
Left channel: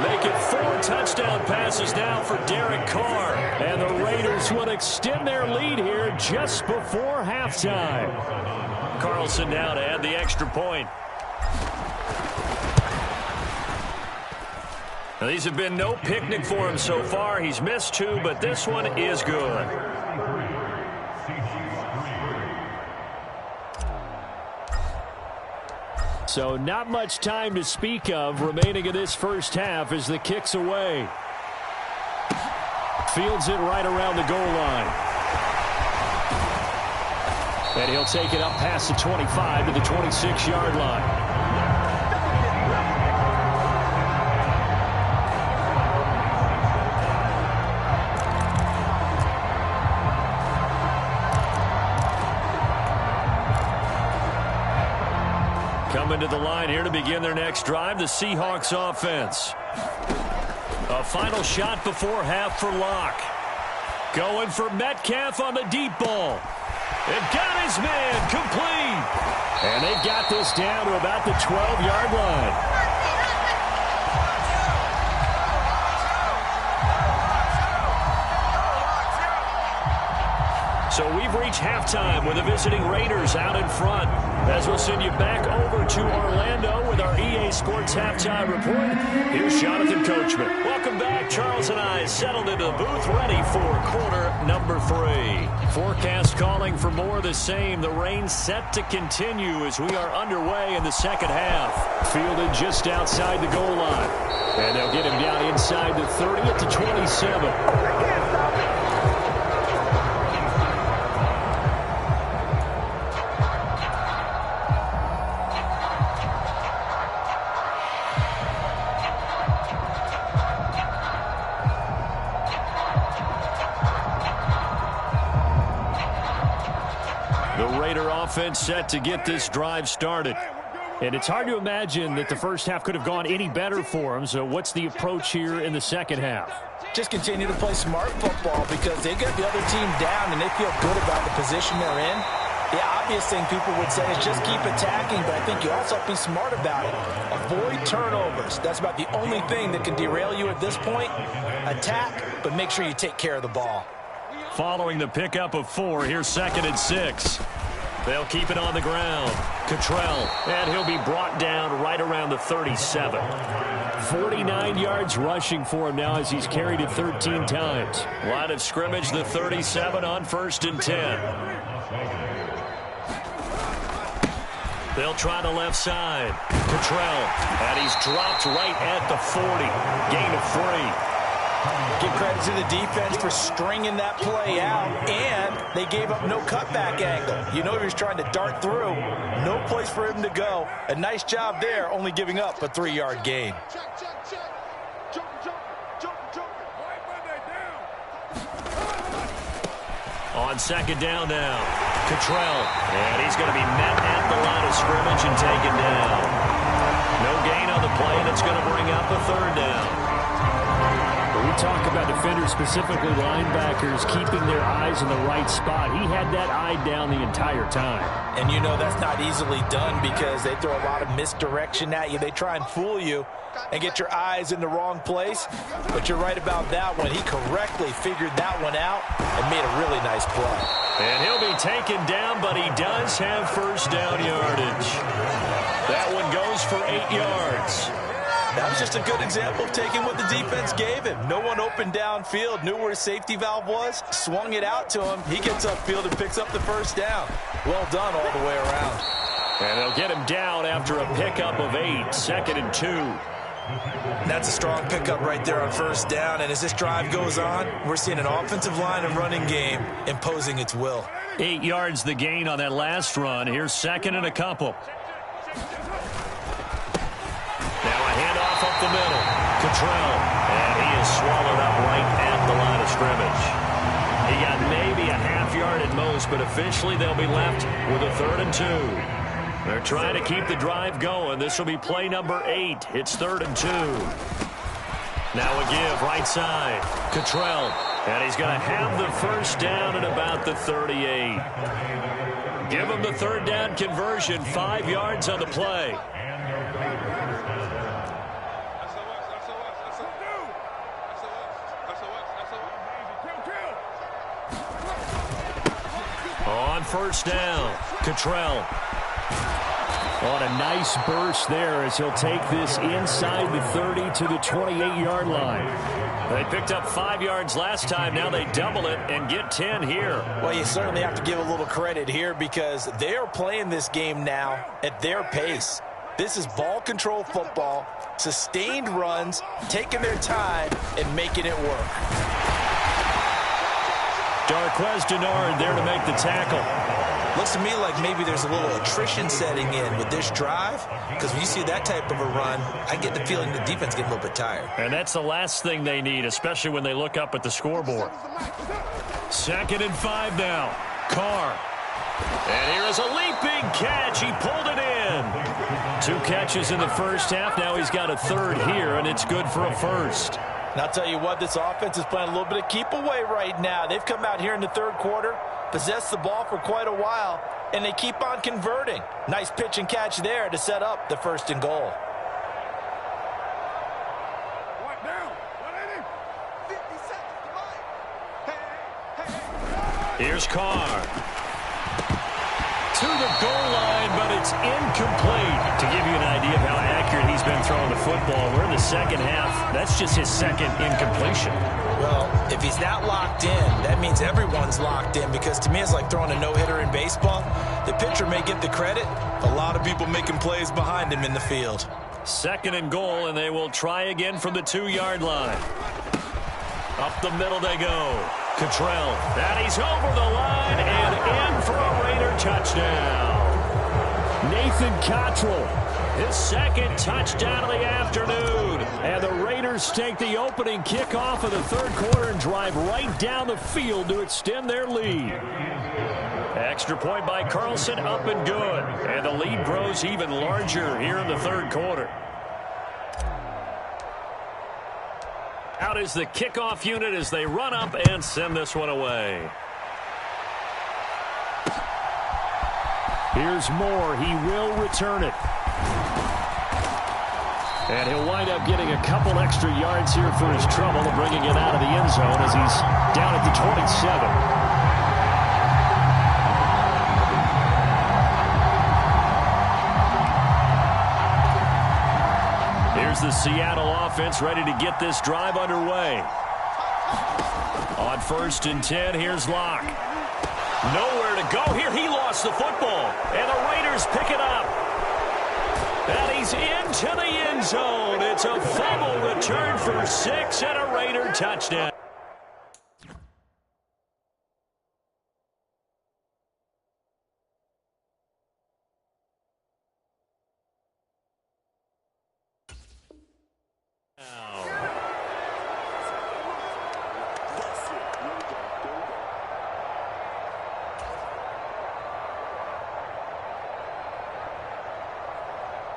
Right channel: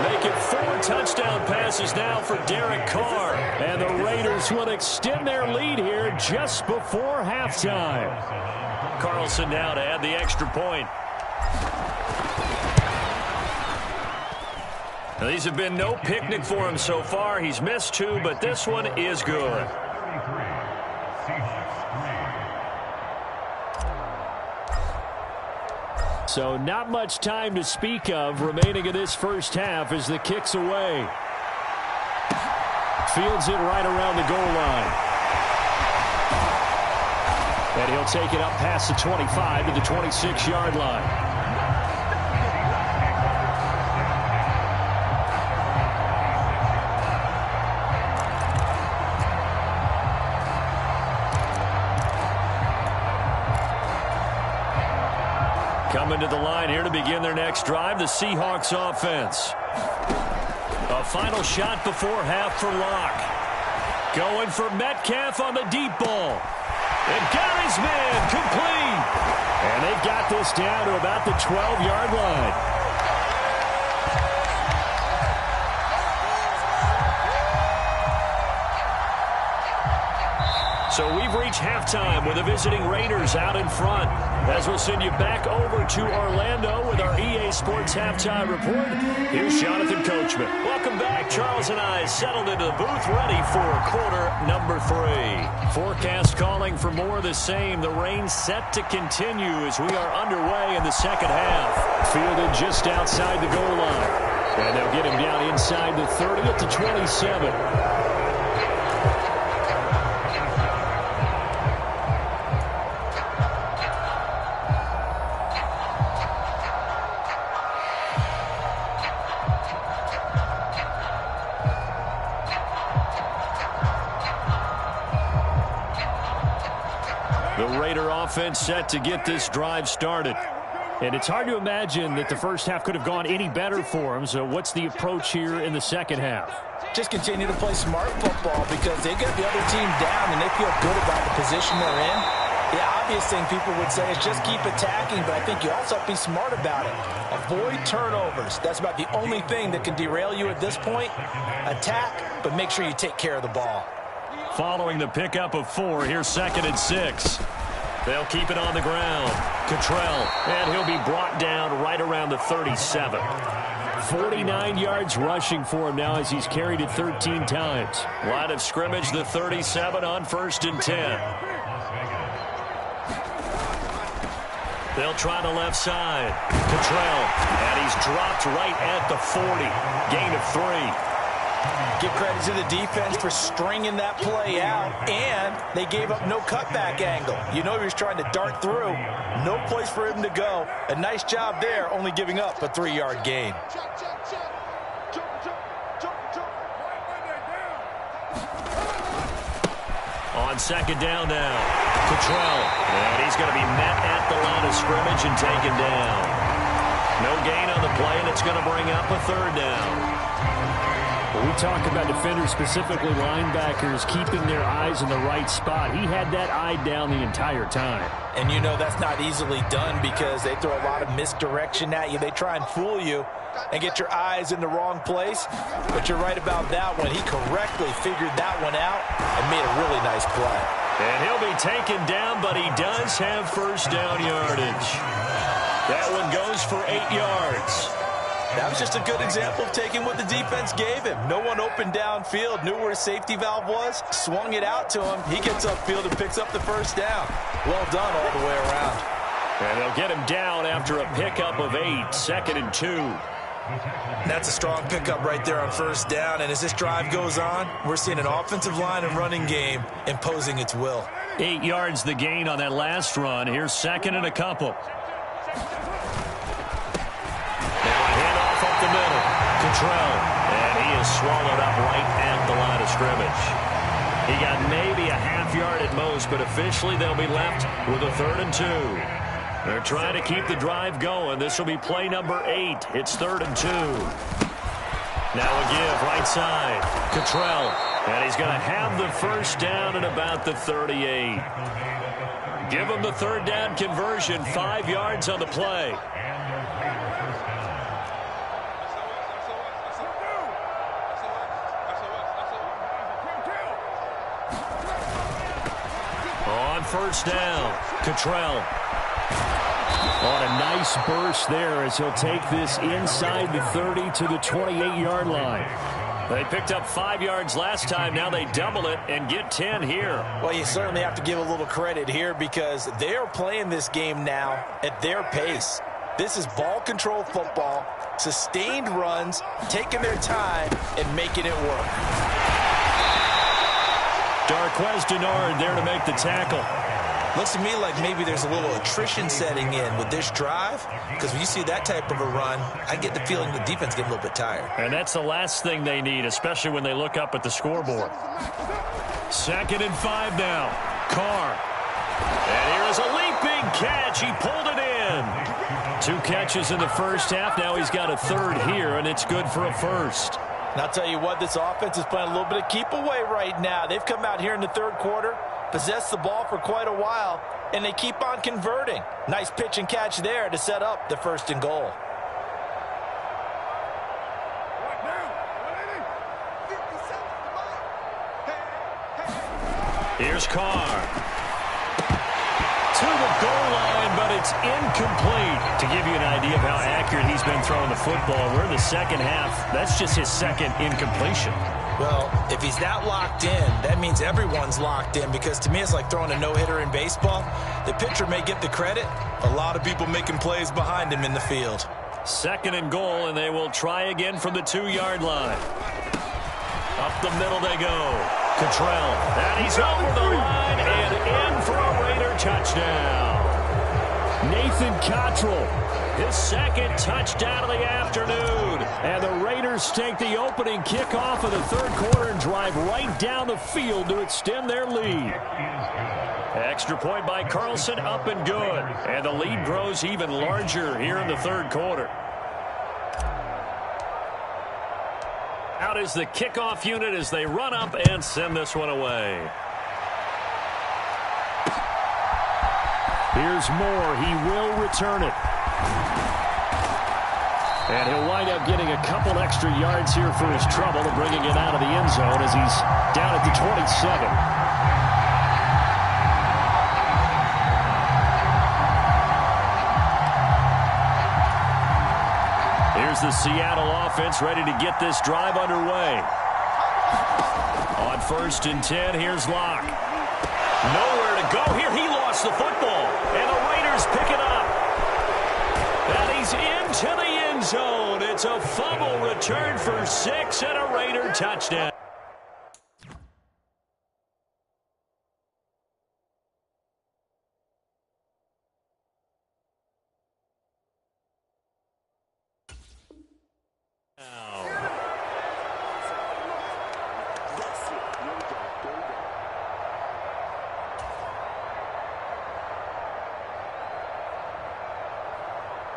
Make it 4 touchdown passes now for Derek Carr. And the Raiders will extend their lead here just before halftime. Carlson now to add the extra point. Now, these have been no picnic for him so far. He's missed 2, but this one is good. So not much time to speak of remaining in this first half as the kick's away. Fields it right around the goal line. And he'll take it up past the 25 to the 26-yard line. Coming to the line here to begin their next drive, the Seahawks offense. A final shot before half for Locke. Going for Metcalf on the deep ball. And got his man complete. And they've got this down to about the 12-yard line. So we've reached halftime with the visiting Raiders out in front. As we'll send you back over to Orlando with our EA Sports Halftime Report, here's Jonathan Coachman. Welcome back. Charles and I settled into the booth ready for quarter number 3. Forecast calling for more of the same. The rain set to continue as we are underway in the second half. Fielded just outside the goal line. And they'll get him down inside the 30 at the 27. The Raider offense set to get this drive started. And it's hard to imagine that the first half could have gone any better for them. So what's the approach here in the second half? Just continue to play smart football because they get the other team down and they feel good about the position they're in. The obvious thing people would say is just keep attacking, but I think you also have to be smart about it. Avoid turnovers. That's about the only thing that can derail you at this point. Attack, but make sure you take care of the ball. Following the pickup of 4, here's 2nd and 6. They'll keep it on the ground. Cottrell, and he'll be brought down right around the 37. 49 yards rushing for him now as he's carried it 13 times. Line of scrimmage, the 37 on 1st and 10. They'll try the left side. Cottrell, and he's dropped right at the 40. Gain of 3. Give credit to the defense for stringing that play out, and they gave up no cutback angle. You know he was trying to dart through. No place for him to go. A nice job there, only giving up a 3-yard gain. On 2nd down now, Cottrell, and he's going to be met at the line of scrimmage and taken down. No gain on the play, and it's going to bring up a 3rd down. When we talk about defenders, specifically linebackers, keeping their eyes in the right spot, he had that eye down the entire time. And you know that's not easily done because they throw a lot of misdirection at you. They try and fool you and get your eyes in the wrong place. But you're right about that one. He correctly figured that one out and made a really nice play. And he'll be taken down, but he does have 1st down yardage. That one goes for 8 yards. That was just a good example of taking what the defense gave him. No one open downfield, knew where his safety valve was, swung it out to him. He gets upfield and picks up the 1st down. Well done all the way around. And they'll get him down after a pickup of 8, 2nd and 2. That's a strong pickup right there on 1st down. And as this drive goes on, we're seeing an offensive line and running game imposing its will. 8 yards the gain on that last run. Here's 2nd and a couple. Now a handoff up the middle. Cottrell, and he is swallowed up right at the line of scrimmage. He got maybe a half yard at most, but officially they'll be left with a 3rd and 2. They're trying to keep the drive going. This will be play number 8. It's 3rd and 2. Now a give right side. Cottrell, and he's going to have the 1st down at about the 38. Give him the 3rd down conversion, 5 yards on the play. On 1st down, Cottrell. On a nice burst there as he'll take this inside the 30 to the 28-yard line. They picked up 5 yards last time. Now they double it and get 10 here. Well, you certainly have to give a little credit here because they are playing this game now at their pace. This is ball control football, sustained runs, taking their time and making it work. Darquez Denard there to make the tackle. Looks to me like maybe there's a little attrition setting in with this drive because when you see that type of a run, I get the feeling the defense getting a little bit tired. And that's the last thing they need, especially when they look up at the scoreboard. 2nd and 5 now. Carr. And here is a leaping catch. He pulled it in. 2 catches in the first half. Now he's got a 3rd here, and it's good for a 1st. And I'll tell you what, this offense is playing a little bit of keep away right now. They've come out here in the 3rd quarter, possessed the ball for quite a while, and they keep on converting. Nice pitch and catch there to set up the 1st and goal. Here's Carr. To the goal line, but it's incomplete. To give you an idea of how accurate he's been throwing the football, we're in the second half. That's just his second incompletion. Well, if he's not locked in, that means everyone's locked in, because to me it's like throwing a no-hitter in baseball. The pitcher may get the credit. A lot of people making plays behind him in the field. 2nd and goal, and they will try again from the 2-yard line. Up the middle they go. Cottrell, and he's over the line and in for a Raider touchdown. Nathan Cottrell, His 2nd touchdown of the afternoon. and the Raiders take the opening kickoff of the 3rd quarter and drive right down the field to extend their lead. Extra point by Carlson, up and good. And the lead grows even larger here in the 3rd quarter. Out is the kickoff unit as they run up and send this one away. Here's Moore. He will return it. And he'll wind up getting a couple extra yards here for his trouble and bringing it out of the end zone as he's down at the 27. Here's the Seattle offense ready to get this drive underway. On 1st and 10, here's Locke. Nowhere to go here. He lost the football. And the Raiders pick it up. And he's into the end zone. It's a fumble return for 6 and a Raider touchdown.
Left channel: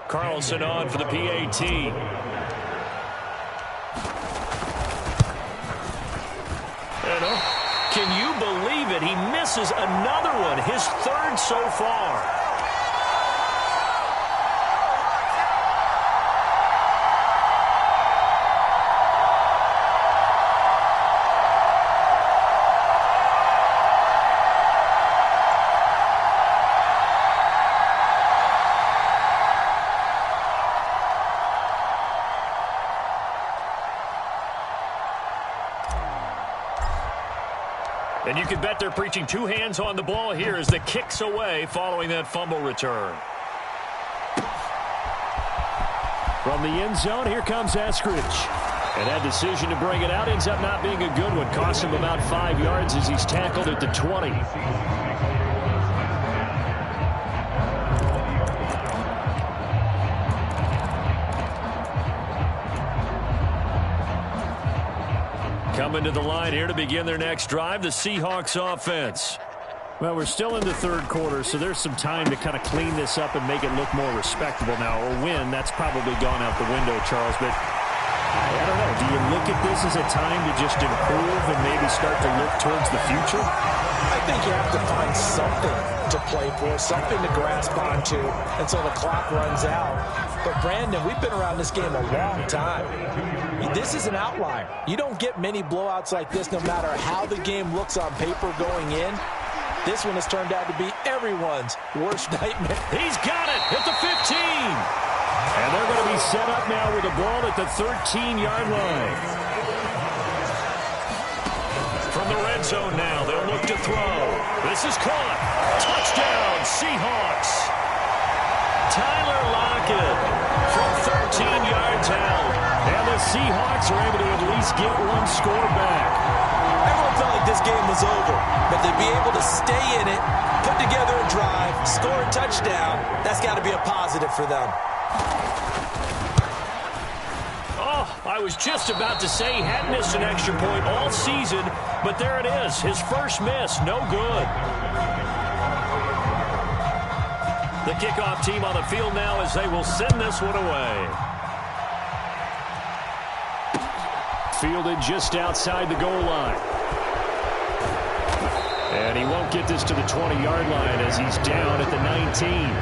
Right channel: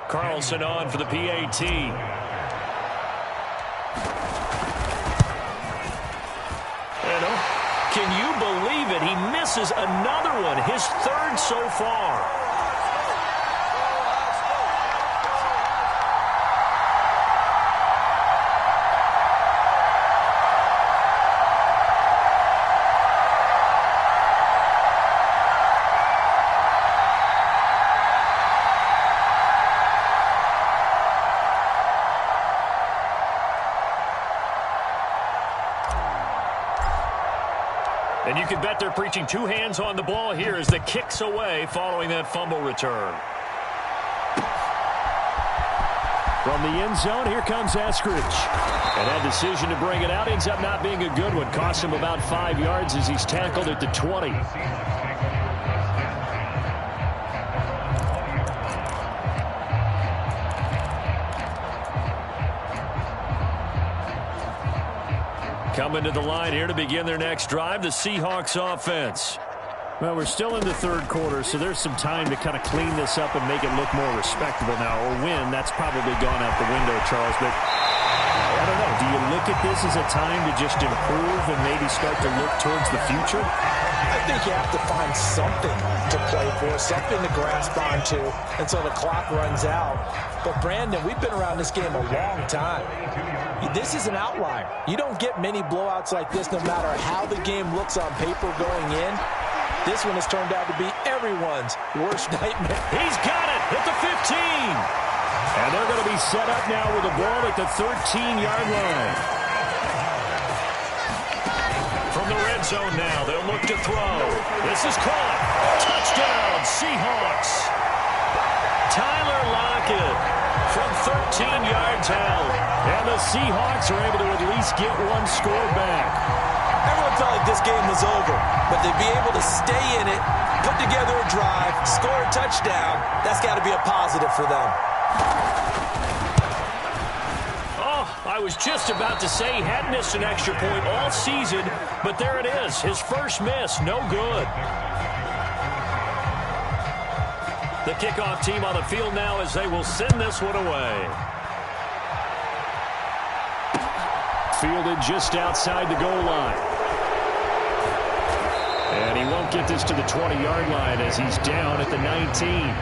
Carlson on for the PAT. Can you believe it? He misses another one, his 3rd so far. And you can bet they're preaching 2 hands on the ball here as the kick's away following that fumble return. From the end zone, here comes Eskridge. And that decision to bring it out ends up not being a good one. Cost him about 5 yards as he's tackled at the 20. Coming to the line here to begin their next drive, the Seahawks offense. Well, we're still in the 3rd quarter, so there's some time to kind of clean this up and make it look more respectable now. Or win, that's probably gone out the window, Charles. But I don't know. Do you look at this as a time to just improve and maybe start to look towards the future? I think you have to find something to play for, something to grasp onto until the clock runs out. But, Brandon, we've been around this game a long time. This is an outlier. You don't get many blowouts like this no matter how the game looks on paper going in. This one has turned out to be everyone's worst nightmare. He's got it at the 15. And they're going to be set up now with the ball at the 13-yard line. From the red zone now, they'll look to throw. This is caught. Touchdown, Seahawks. Tyler Lockett from 13 yards out. And the Seahawks are able to at least get one score back. Everyone felt like this game was over, but to be able to stay in it, put together a drive, score a touchdown, that's got to be a positive for them. Oh, I was just about to say he hadn't missed an extra point all season, but there it is. His first miss, no good. The kickoff team on the field now as they will send this one away. Fielded just outside the goal line. And he won't get this to the 20-yard line as he's down at the 19.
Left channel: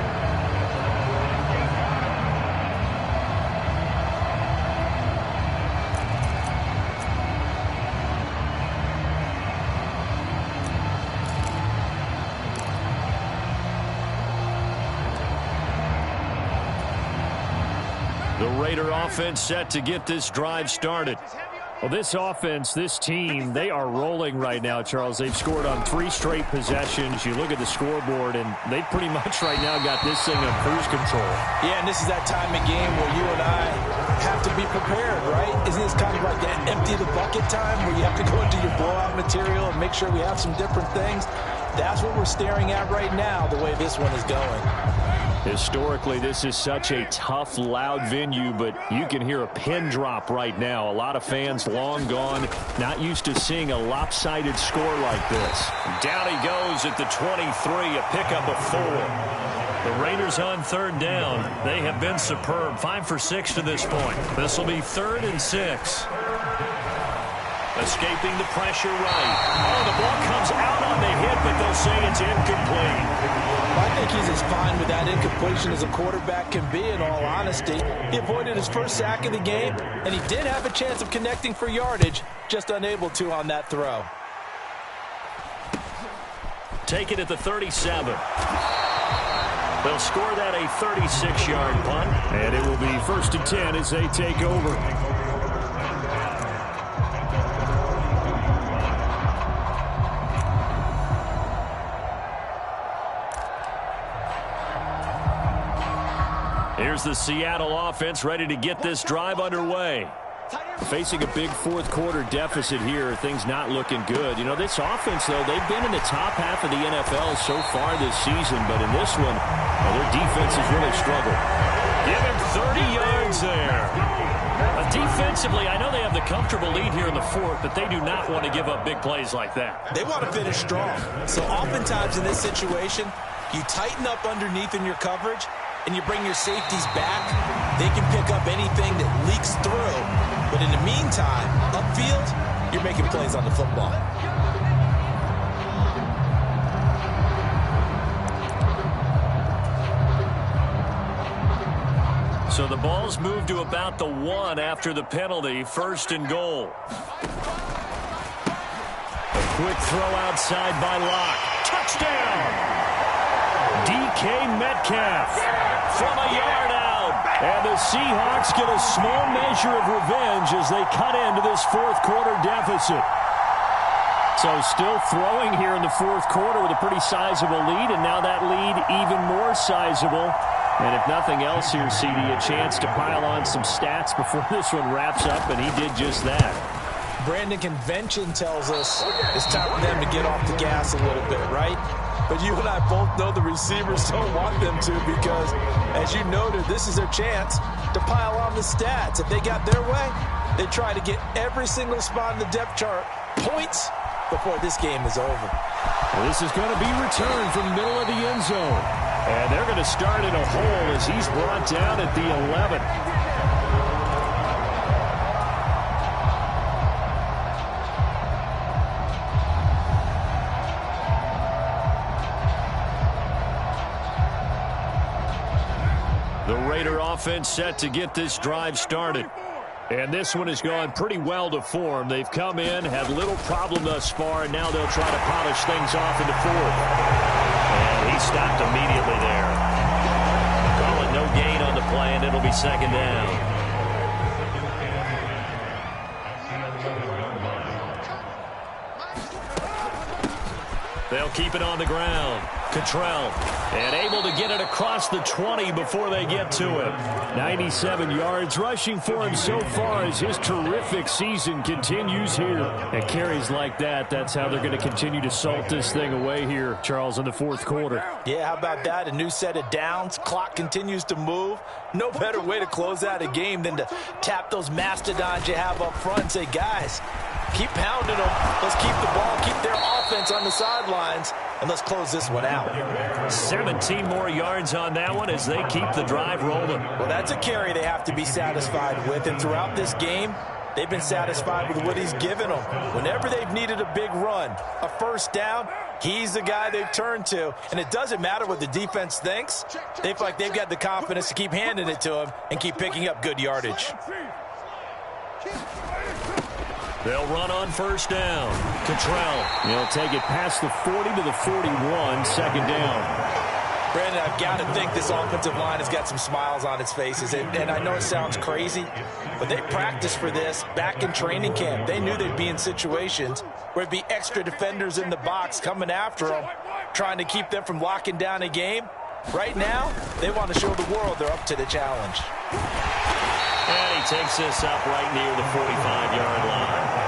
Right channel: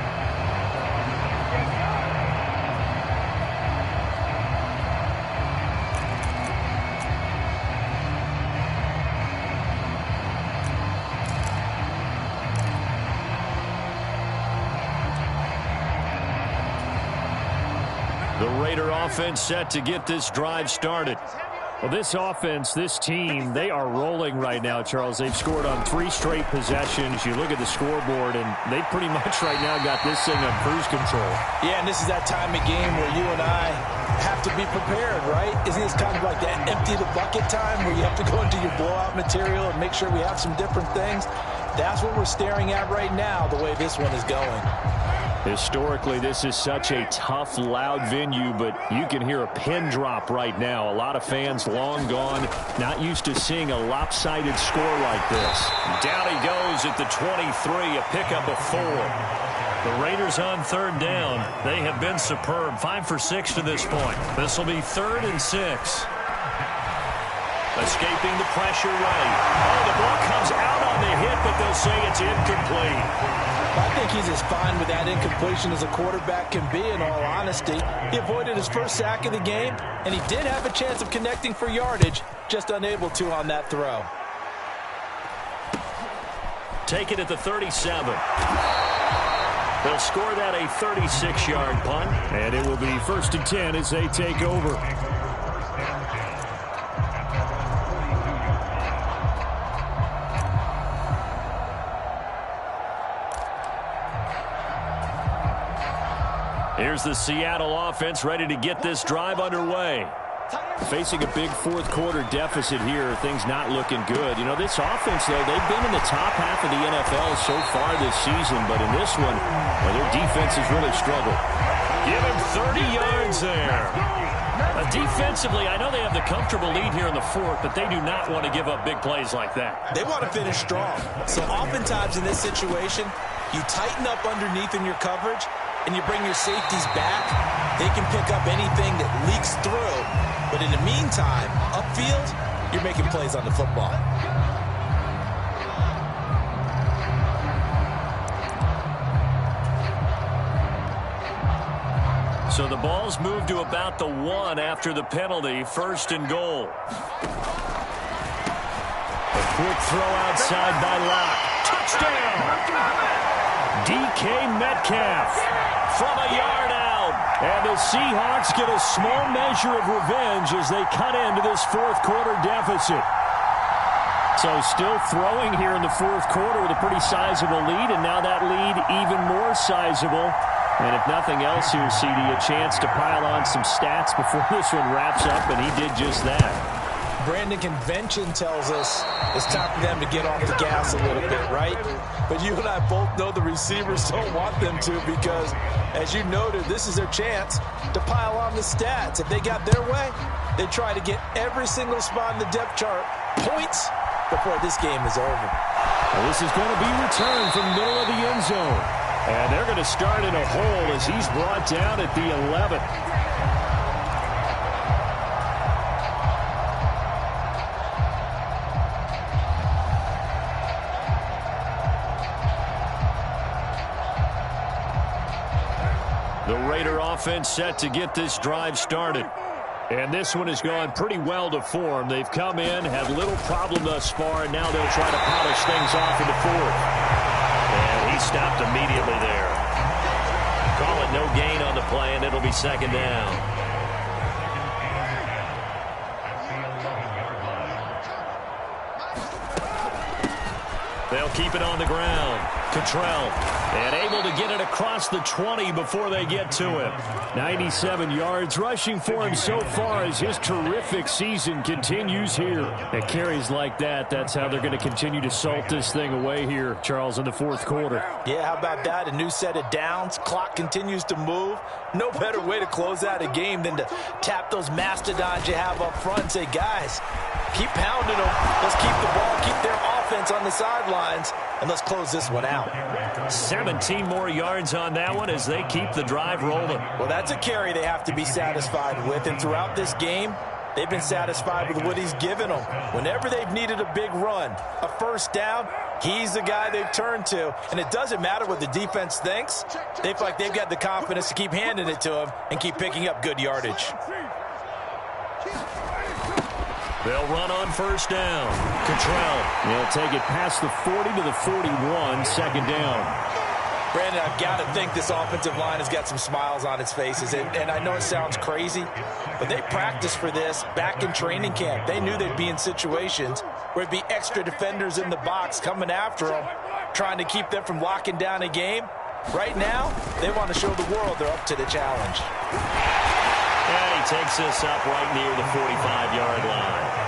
The Raider offense set to get this drive started. Well, this offense, this team, they are rolling right now, Charles. They've scored on 3 straight possessions. You look at the scoreboard, and they pretty much right now got this thing on cruise control. Yeah, and this is that time of game where you and I have to be prepared, right? Isn't this kind of like that empty the bucket time where you have to go into your blowout material and make sure we have some different things? That's what we're staring at right now, the way this one is going. Historically, this is such a tough, loud venue, but you can hear a pin drop right now. A lot of fans long gone, not used to seeing a lopsided score like this. Down he goes at the 23, a pickup of 4. The Raiders on 3rd down. They have been superb, 5 for 6 to this point. This will be 3rd and 6. Escaping the pressure right. Oh, the ball comes out on the hit, but they'll say it's incomplete. I think he's as fine with that incompletion as a quarterback can be, in all honesty. He avoided his first sack of the game, and he did have a chance of connecting for yardage, just unable to on that throw. Take it at the 37. They'll score that a 36-yard punt. And it will be 1st and 10 as they take over. Here's the Seattle offense ready to get this drive underway. Facing a big 4th quarter deficit here, things not looking good. You know, this offense, though, they've been in the top half of the NFL so far this season, but in this one, well, their defense has really struggled. Give him 30 yards there. Defensively, I know they have the comfortable lead here in the 4th, but they do not want to give up big plays like that. They want to finish strong. So oftentimes in this situation, you tighten up underneath in your coverage, and you bring your safeties back. They can pick up anything that leaks through. But in the meantime, upfield, you're making plays on the football. So the ball's moved to about the 1 after the penalty. 1st and goal. A quick throw outside by Locke. Touchdown! DK Metcalf from a yard out. And the Seahawks get a small measure of revenge as they cut into this 4th quarter deficit. So still throwing here in the 4th quarter with a pretty sizable lead, and now that lead even more sizable. And if nothing else here, CD, a chance to pile on some stats before this one wraps up, and he did just that. Brandon, convention tells us it's time for them to get off the gas a little bit, right? But you and I both know the receivers don't want them to because, as you noted, this is their chance to pile on the stats. If they got their way, they try to get every single spot in the depth chart points before this game is over. Well, this is going to be returned from the middle of the end zone. And they're going to start in a hole as he's brought down at the 11. The Raider offense set to get this drive started. And this one has gone pretty well to form. They've come in, had little problem thus far, and now they'll try to polish things off in the 4th. And he stopped immediately there. Call it no gain on the play, and it'll be 2nd down. They'll keep it on the ground. Cottrell, and able to get it across the 20 before they get to him. 97 yards rushing for him so far as his terrific season continues here. And carries like that, that's how they're going to continue to salt this thing away here, Charles, in the 4th quarter. Yeah, how about that? A new set of downs. Clock continues to move. No better way to close out a game than to tap those mastodons you have up front and say, guys, keep pounding them. Let's keep the ball, keep their offense on the sidelines, and let's close this one out. 17 more yards on that one as they keep the drive rolling. Well, that's a carry they have to be satisfied with, and throughout this game, they've been satisfied with what he's given them. Whenever they've needed a big run, a 1st down, he's the guy they've turned to. And it doesn't matter what the defense thinks. They feel like they've got the confidence to keep handing it to him and keep picking up good yardage. They'll run on 1st down. Cottrell. He'll take it past the 40 to the 41, 2nd down. Brandon, I've got to think this offensive line has got some smiles on its faces. And I know it sounds crazy, but they practiced for this back in training camp. They knew they'd be in situations where it'd be extra defenders in the box coming after them, trying to keep them from locking down a game. Right now, they want to show the world they're up to the challenge. And he takes this up right near the 45-yard line.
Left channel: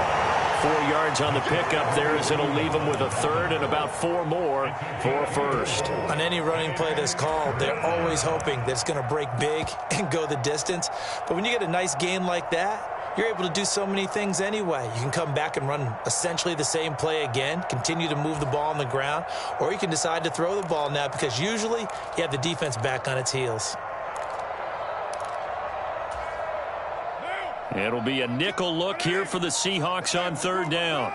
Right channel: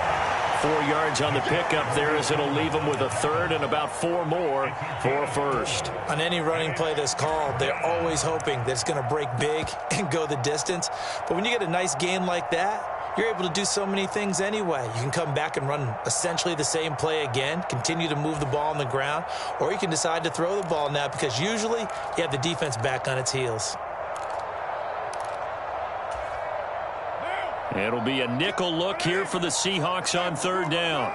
4 yards on the pickup there as it'll leave them with a third and about 4 more for a first. On any running play that's called, they're always hoping that it's going to break big and go the distance. But when you get a nice gain like that, you're able to do so many things anyway. You can come back and run essentially the same play again, continue to move the ball on the ground, or you can decide to throw the ball now because usually you have the defense back on its heels. It'll be a nickel look here for the Seahawks on third down.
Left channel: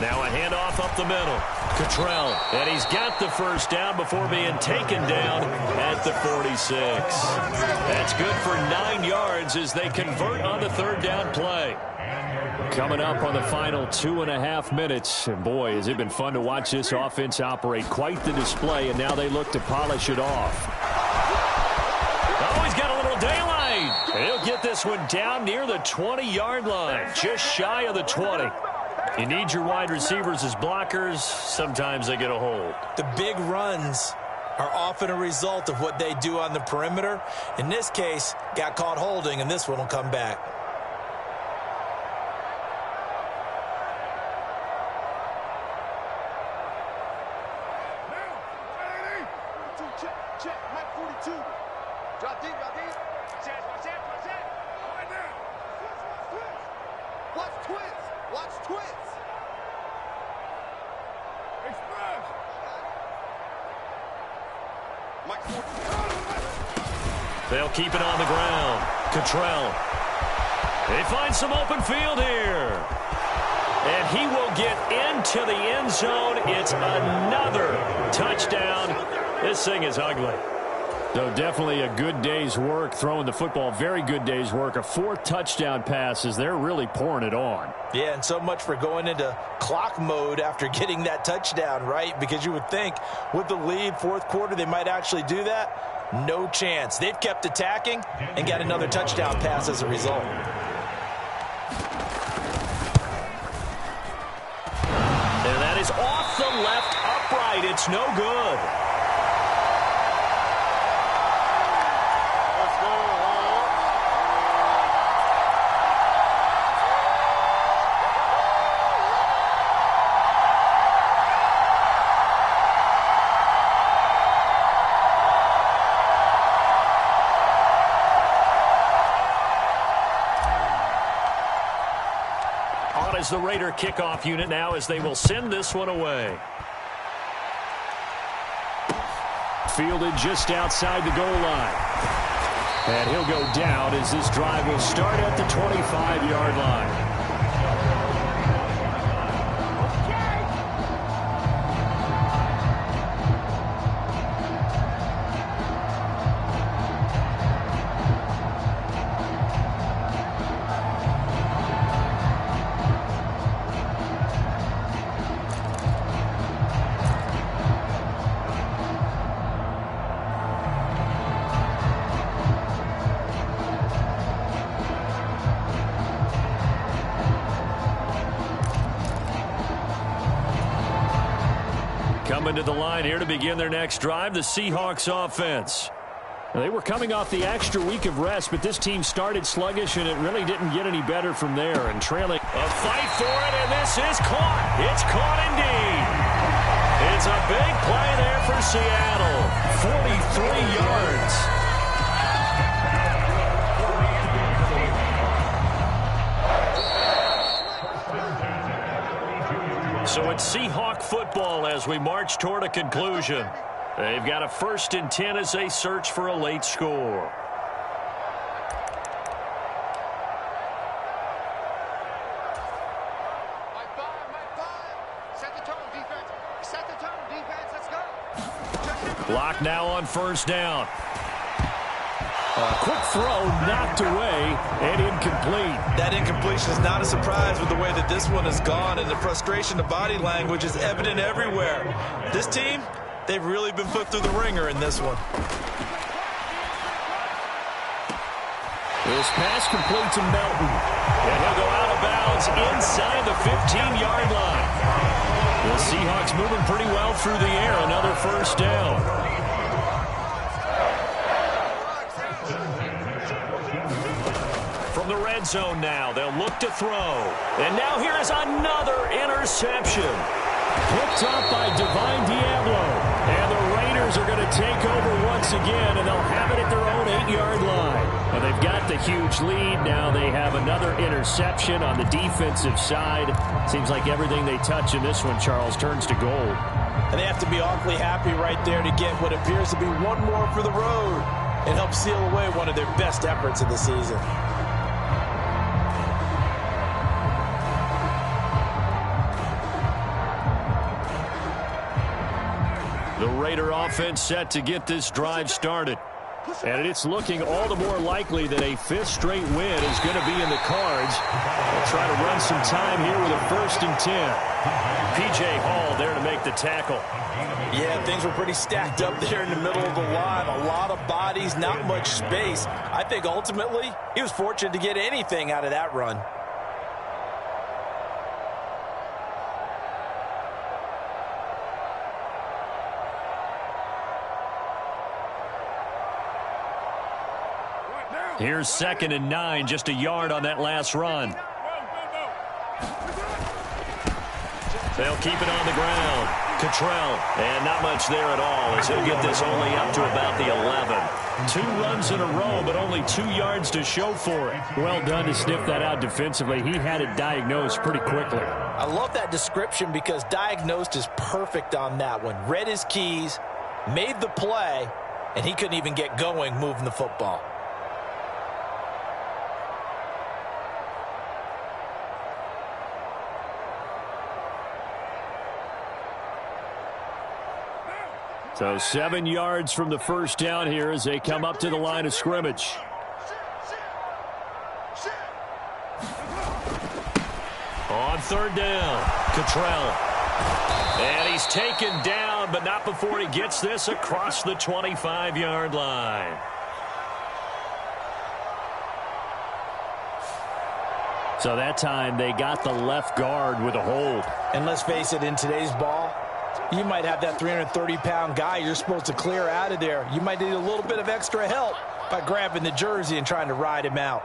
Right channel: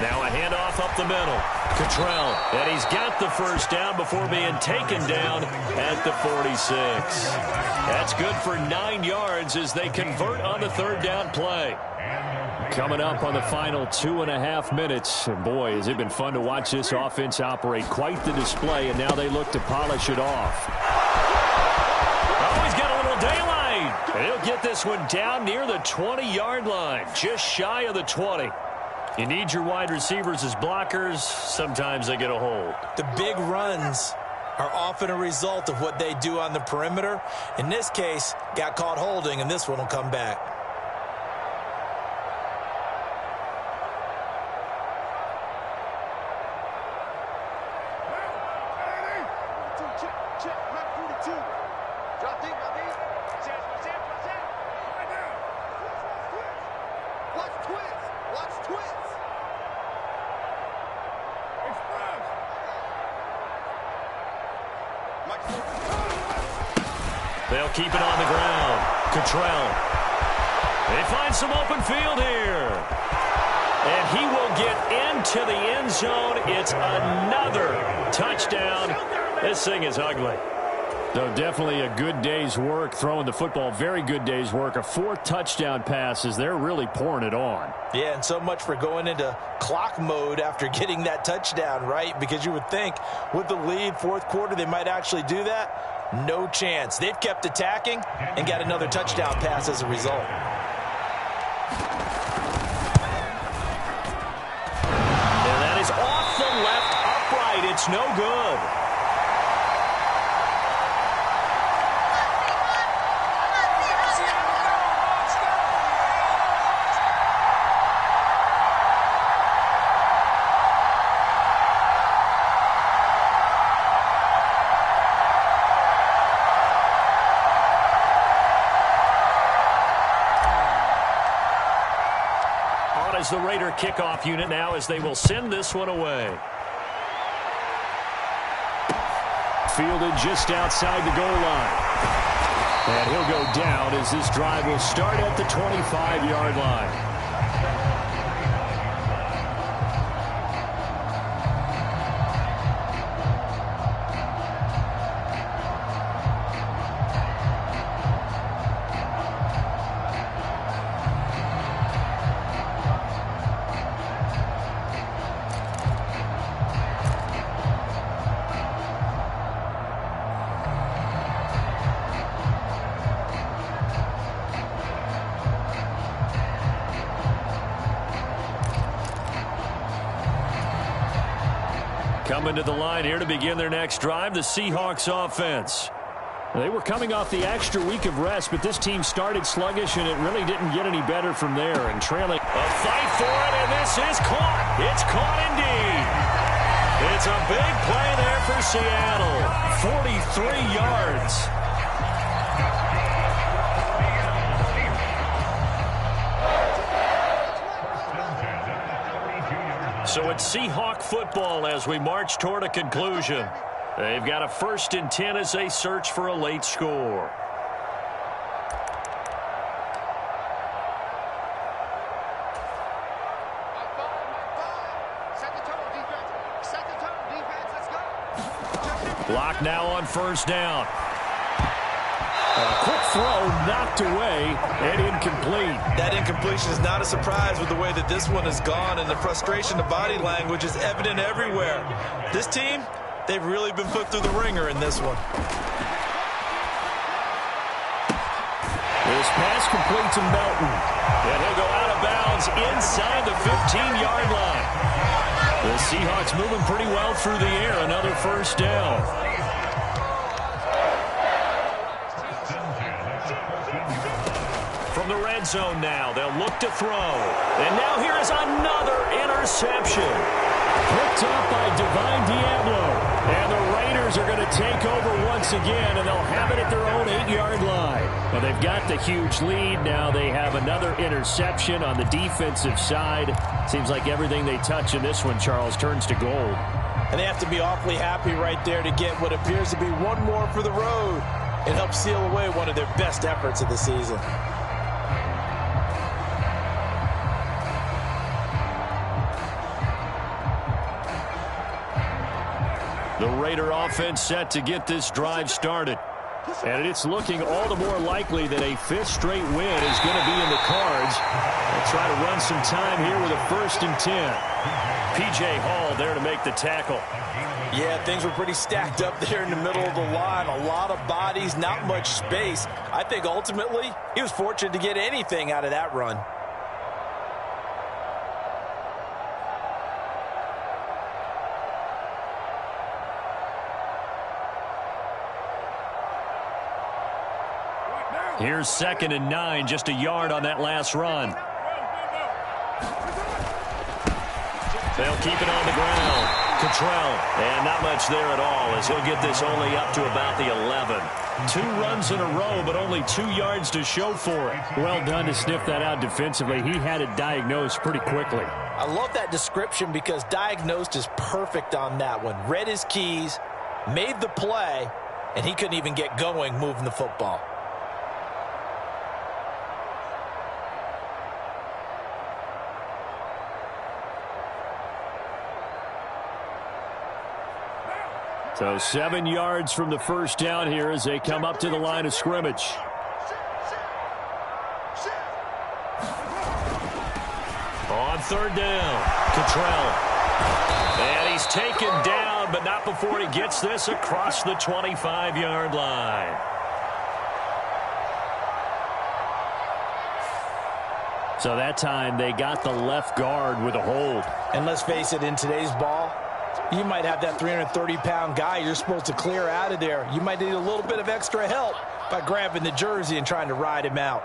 Now a handoff up the middle. Cottrell, and he's got the first down before being taken down at the 46. That's good for 9 yards as they convert on the third down play. Coming up on the final 2.5 minutes. And boy, has it been fun to watch this offense operate. Quite the display, and now they look to polish it off. Oh, he's got a little daylight. And he'll get this one down near the 20-yard line, just shy of the 20. You need your wide receivers as blockers. Sometimes they get a hold. The big runs are often a result of what they do on the perimeter. In this case, got caught holding, and this one will come back. Check, Mike 42. Drop deep, drop deep. Watch that. Right now. Watch twist. Express. Mike 42. They'll keep it on the ground. Cottrell. They find some open field here. And he will get into the end zone. It's another touchdown. This thing is ugly. So definitely a good day's work throwing the football. Very good day's work. A 4th touchdown passes. They're really pouring it on. Yeah, and so much for going into clock mode after getting that touchdown, right? Because you would think with the lead, 4th quarter, they might actually do that. No chance. They've kept attacking and got another touchdown pass as a result. And that is off the left upright. It's no good. As the Raider kickoff unit now as they will send this one away. Fielded just outside the goal line. And he'll go down as this drive will start at the 25-yard line. Coming to the line here to begin their next drive, the Seahawks offense. They were coming off the extra week of rest, but this team started sluggish, and it really didn't get any better from there. And trailing. A fight for it, and this is caught. It's caught indeed. It's a big play there for Seattle. 43 yards. So it's Seahawk football as we march toward a conclusion. They've got a 1st and 10 as they search for a late score. Mike 5. Set the tone, defense. Let's go. Block now on 1st down. Quick throw knocked away and incomplete. That incompletion is not a surprise with the way that this one has gone, and the frustration of body language is evident everywhere. This team, they've really been put through the ringer in this one. This pass complete to Melton. And he'll go out of bounds inside the 15-yard line. The Seahawks moving pretty well through the air. Another first down. From the red zone now, they'll look to throw. And now here is another interception. Picked up by Divine Diablo. And the Raiders are going to take over once again, and they'll have it at their own 8-yard line. Well, they've got the huge lead. Now they have another interception on the defensive side. Seems like everything they touch in this one, Charles, turns to gold. And they have to be awfully happy right there to get what appears to be one more for the road and help seal away one of their best efforts of the season. The Raider offense set to get this drive started. And it's looking all the more likely that a fifth straight win is going to be in the cards. They'll try to run some time here with a 1st and 10. P.J. Hall there to make the tackle. Yeah, things were pretty stacked up there in the middle of the line. A lot of bodies, not much space. I think ultimately he was fortunate to get anything out of that run. Here's 2nd and 9, just a yard on that last run. They'll keep it on the ground. Cottrell, and not much there at all as he'll get this only up to about the 11. 2 runs in a row, but only 2 yards to show for it. Well done to sniff that out defensively. He had it diagnosed pretty quickly. I love that description because diagnosed is perfect on that one. Read his keys, made the play, and he couldn't even get going moving the football. So 7 yards from the first down here as they come up to the line of scrimmage. On 3rd down, Cottrell. And he's taken down, but not before he gets this across the 25-yard line. So that time they got the left guard with a hold. And let's face it, in today's ball, you might have that 330-pound guy you're supposed to clear out of there. You might need a little bit of extra help by grabbing the jersey and trying to ride him out.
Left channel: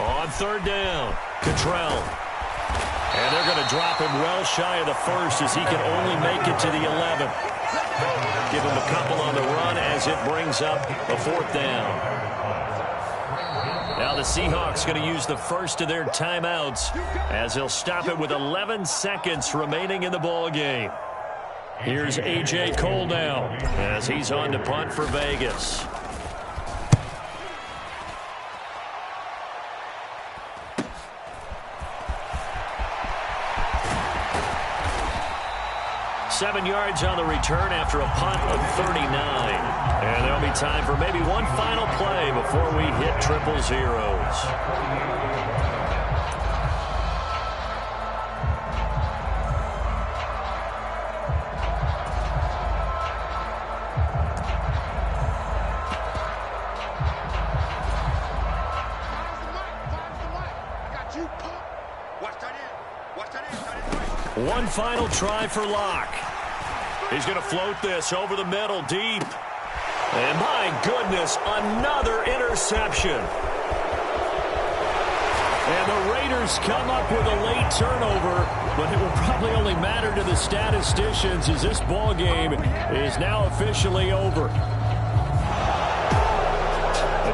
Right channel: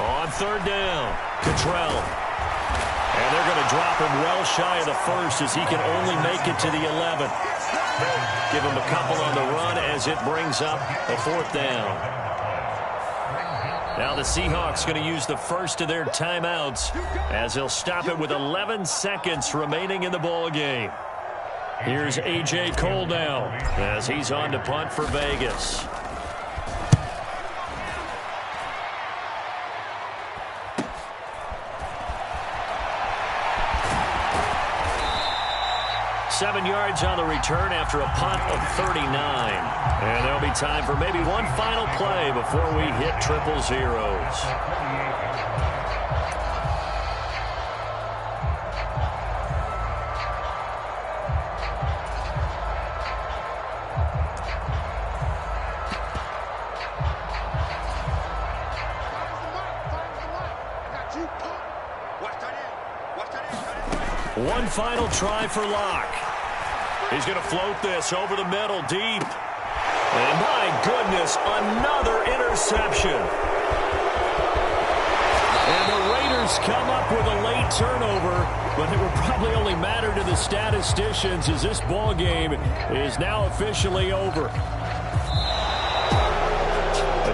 On 3rd down, Cottrell. And they're going to drop him well shy of the 1st as he can only make it to the 11. Give him a couple on the run as it brings up a 4th down. Now the Seahawks going to use the first of their timeouts as they'll stop it with 11 seconds remaining in the ball game. Here's A.J. Cole now as he's on to punt for Vegas. Seven yards on the return after a punt of 39. And there'll be time for maybe one final play before we hit triple zeros. One final try for Locke. He's going to float this over the middle deep. And my goodness, another interception. And the Raiders come up with a late turnover, but it will probably only matter to the statisticians as this ball game is now officially over.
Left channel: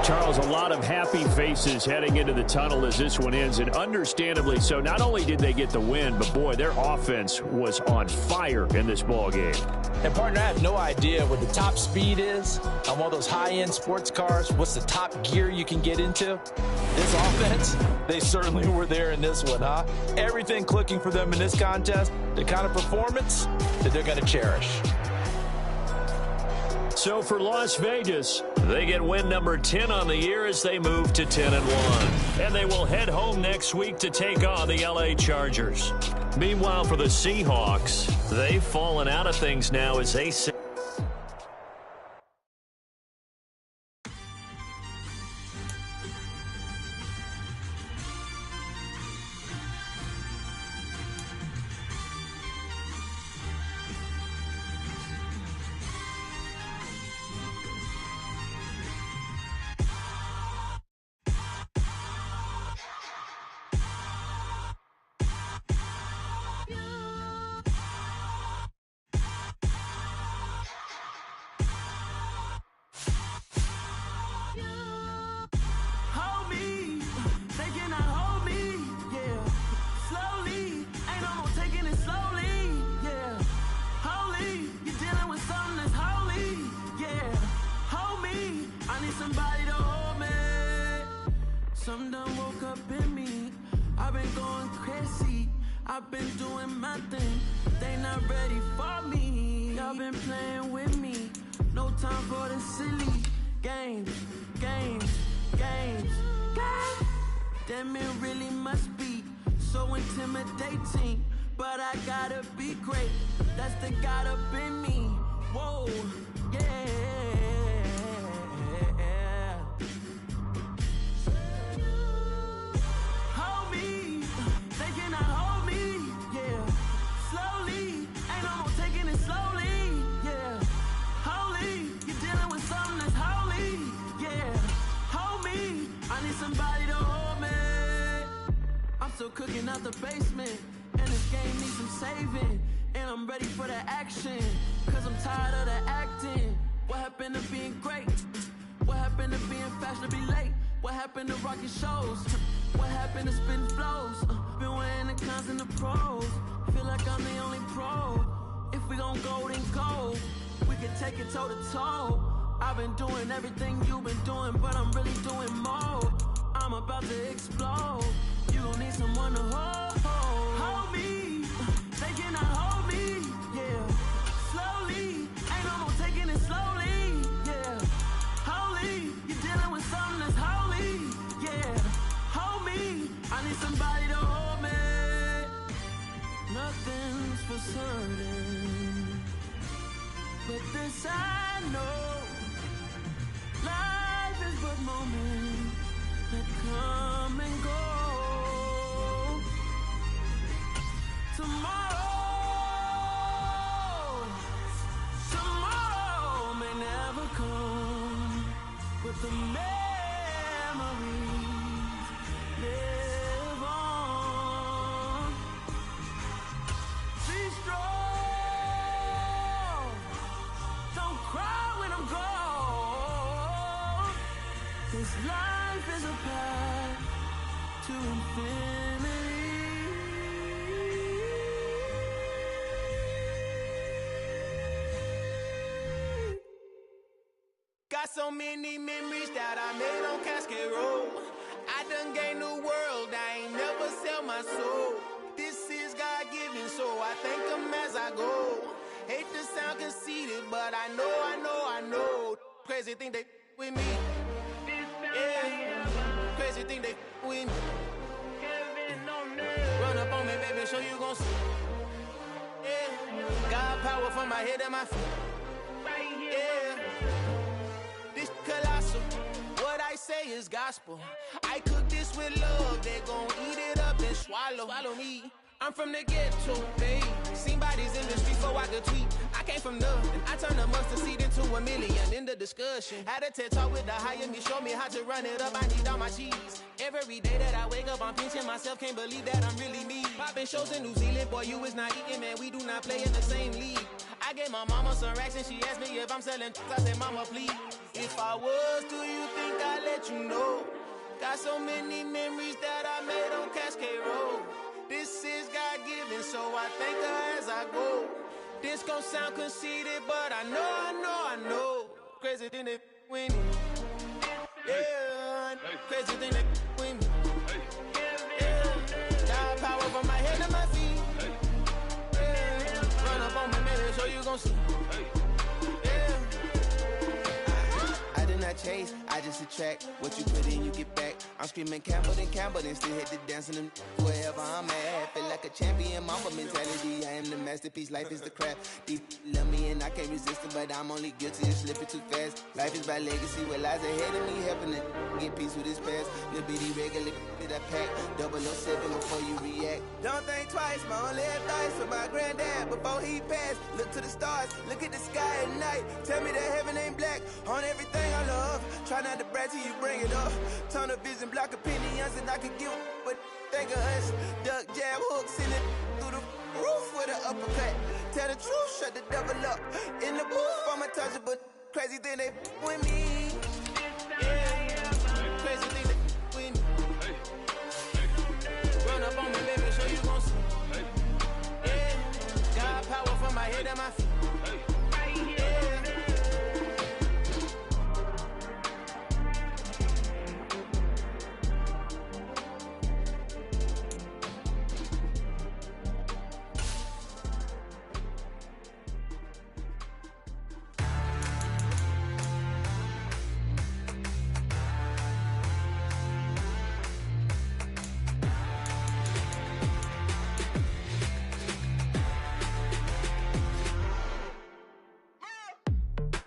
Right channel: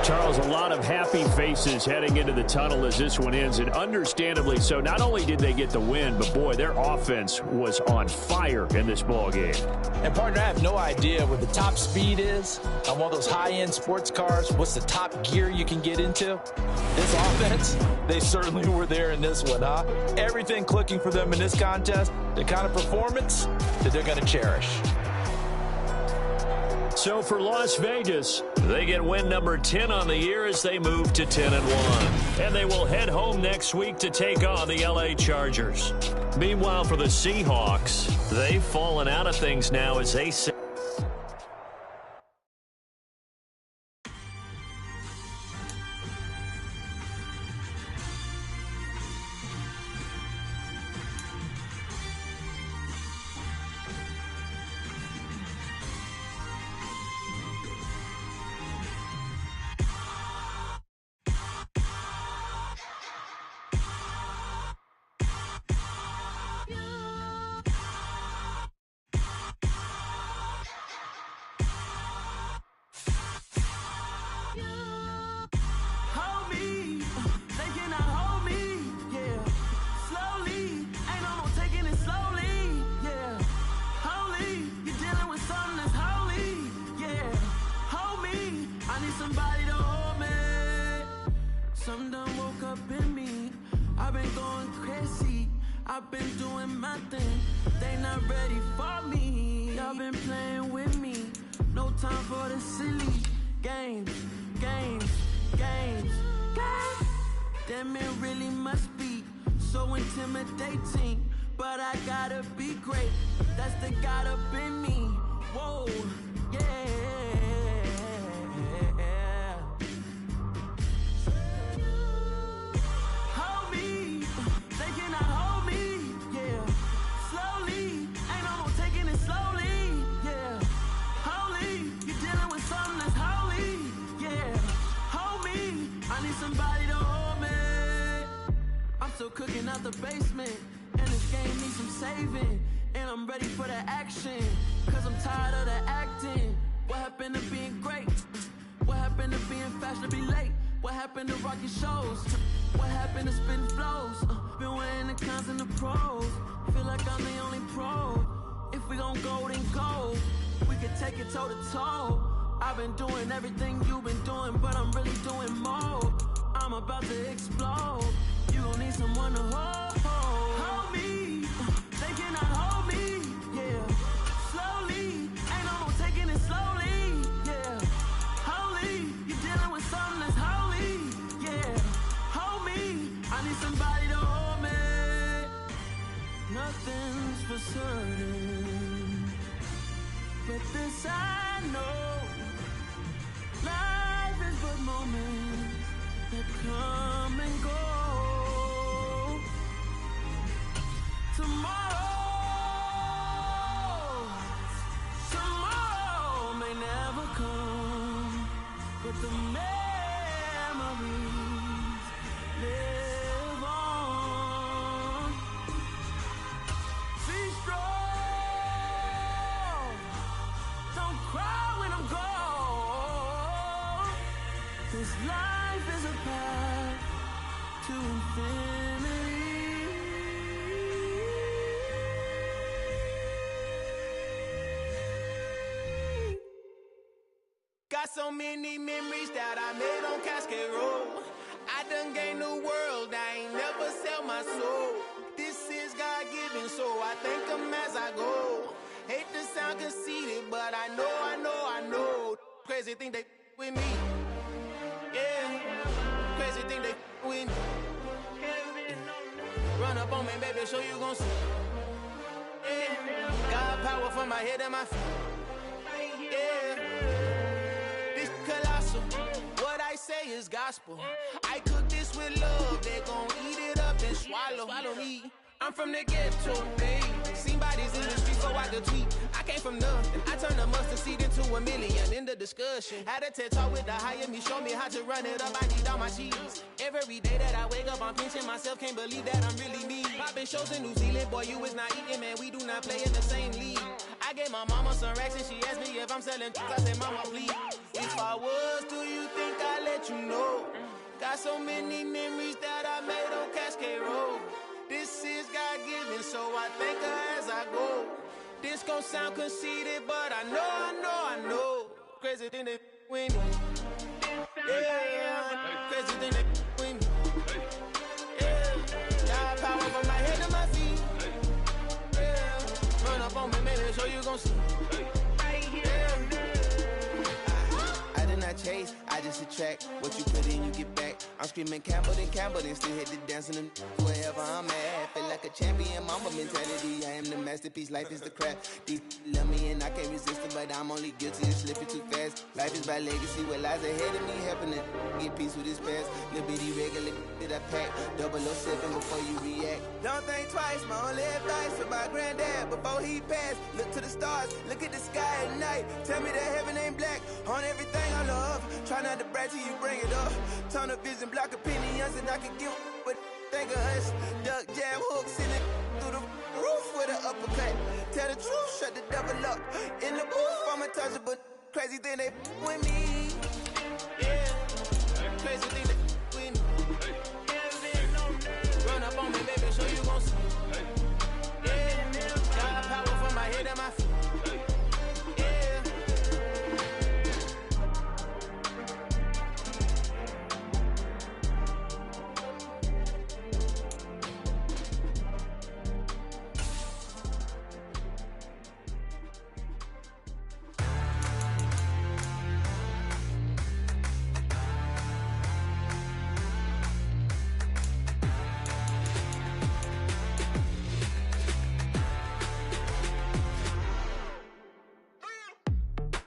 Charles, a lot of happy faces heading into the tunnel as this one ends, and understandably so. Not only did they get the win, but, boy, their offense was on fire in this ball game. And, partner, I have no idea what the top speed is on one of those high-end sports cars. What's the top gear you can get into? This offense, they certainly were there in this one, huh? Everything clicking for them in this contest, the kind of performance that they're going to cherish. So for Las Vegas, they get win number 10 on the year as they move to 10-1. And they will head home next week to take on the LA Chargers. Meanwhile, for the Seahawks, they've fallen out of things now as they sit. Somebody to hold me. Some done woke up in me. I've been going crazy. I've been doing my thing. They not ready for me. Y'all been playing with me. No time for the silly games. Damn, it really must be so intimidating. But I gotta be great. That's the God up in me. Whoa, yeah. Somebody to hold me. I'm still cooking out the basement, and this game needs some saving. And I'm ready for the action, cause I'm tired of the acting. What happened to being great? What happened to being fashionably late? What happened to rocking shows? What happened to spitting flows? Been wearing the cons and the pros. Feel like I'm the only pro. If we gon' go, then go. We can take it toe to toe. I've been doing everything you've been doing, but I'm really doing more. I'm about to explode. You gon' need someone to hold me. They cannot hold me, yeah. Slowly, ain't no more taking it slowly, yeah. Holy, you're dealing with something that's holy, yeah. Hold me, I need somebody to hold me. Nothing's for certain, but this I know. Life is but moments that come and go. Tomorrow may never come, but the memories live on. Be strong, don't cry when I'm gone. This life is a path to infinity. Got so many memories that I made on Cascade Road. I done gained the world, I ain't never sell my soul. This is God-given, so I thank him as I go. Hate to sound conceited, but I know. Crazy thing they with me. Yeah, crazy thing they with me. Run up on me, baby, show you gon' see. Yeah, God power from my head and my feet. Yeah, this colossal. What I say is gospel. I cook this with love. They gon' eat it up and swallow me. I'm from the ghetto, babe. Seen bodies in the streets so I could tweet. I came from nothing. I turned a mustard seed into a million in the discussion. Had a TED talk with the higher me, show me how to run it up. I need all my cheese. Every day that I wake up, I'm pinching myself. Can't believe that I'm really me. Popping shows in New Zealand, boy, you is not eating, man. We do not play in the same league. I I gave my mama some racks and she asked me if I'm selling. I said, mama, please. If I was, do you think I'd let you know? Got so many memories that I made on Cascade Road. This is God-given, so I thank her as I go. This gon' sound conceited, but I know. Crazy thing that with me. Yeah, crazy thing that with me. Yeah, got power from my head to my feet. Yeah, run up on me, maybe, so you gon' see. Yeah. I did not chase, I just attract. What you put in, you get back. I'm screaming Campbell, then still hit the dancing and wherever I'm at. Feel like a champion, mama mentality. I am the masterpiece, life is the crap. These love me and I can't resist it, but I'm only guilty of slipping too fast. Life is by legacy, what lies ahead of me, helping to get peace with this past. Little bitty regular that I pack, 007 before you react. Don't think twice, my only advice for my granddad before he passed. Look to the stars, look at the sky at night. Tell me that heaven ain't black on everything I love. Try not to brag till you bring it up. Tunnel vision, block opinions, and I could give but think of us. Duck, jab, hooks in it through the roof with an uppercut. Tell the truth, shut the devil up. In the booth, I'm untouchable. Crazy thing they with me. Yeah, crazy thing they with me. Run up on me, baby, so you gon' see. Yeah, got power from my head to my feet.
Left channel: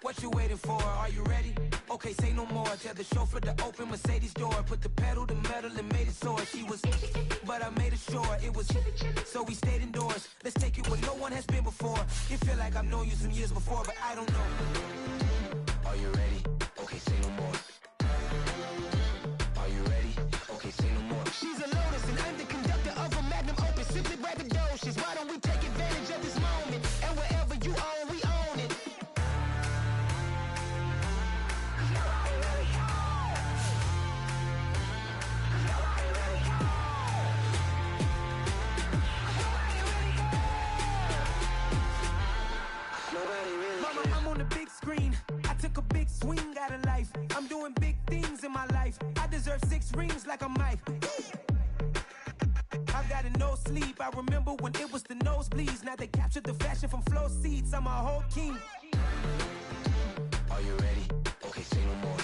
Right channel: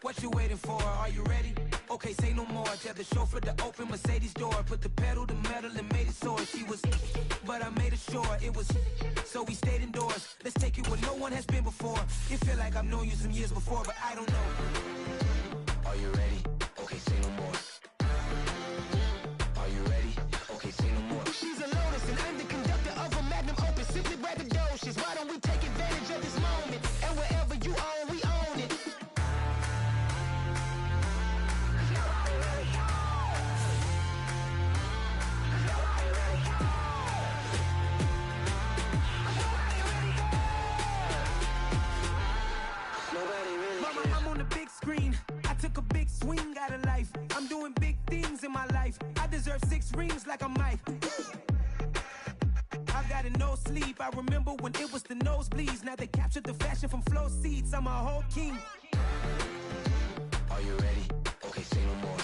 What you waiting for? Are you ready? Okay, say no more. Tell the chauffeur to open Mercedes door. Put the pedal to metal and made it soar. She was, but I made it sure it was. So we stayed indoors. Let's take it where no one has been before. It feel like I've known you some years before, but I don't know. Are you ready? Okay, say no more. Are you ready? Okay, say no more. She's a Lotus and I'm the conductor of a Magnum Opus. Simply braggadocious. Why don't we take advantage of this moment? And wherever you own, we own it. Screen. I took a big swing out of life. I'm doing big things in my life. I deserve 6 rings like I'm Mike. I got no sleep. I remember when it was the nosebleeds. Now they captured the fashion from flow seats. I'm a whole king. Are you ready? Okay, say no more.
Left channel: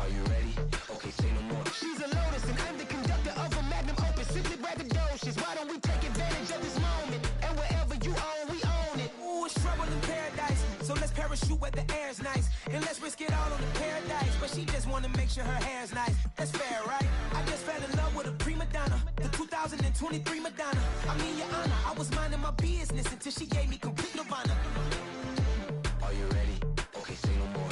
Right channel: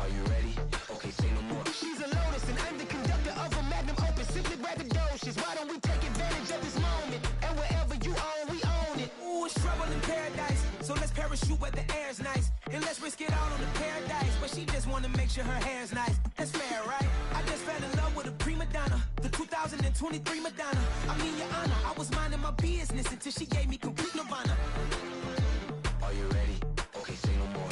Are you ready? Okay, say no more. She's a Lotus and I'm the conductor of a Magnum Opus. Simply braggadocious. Why don't we take advantage of this moment? And wherever you own, we own it. Ooh, it's trouble in paradise. So let's parachute where the air's nice. And let's risk it all on the paradise. But she just wanna make sure her hair's nice. That's fair, right? I just fell in love with a prima donna. The 2023 Madonna. I mean, your honor, I was minding my business until she gave me complete nirvana. Are you ready? Okay, say no more.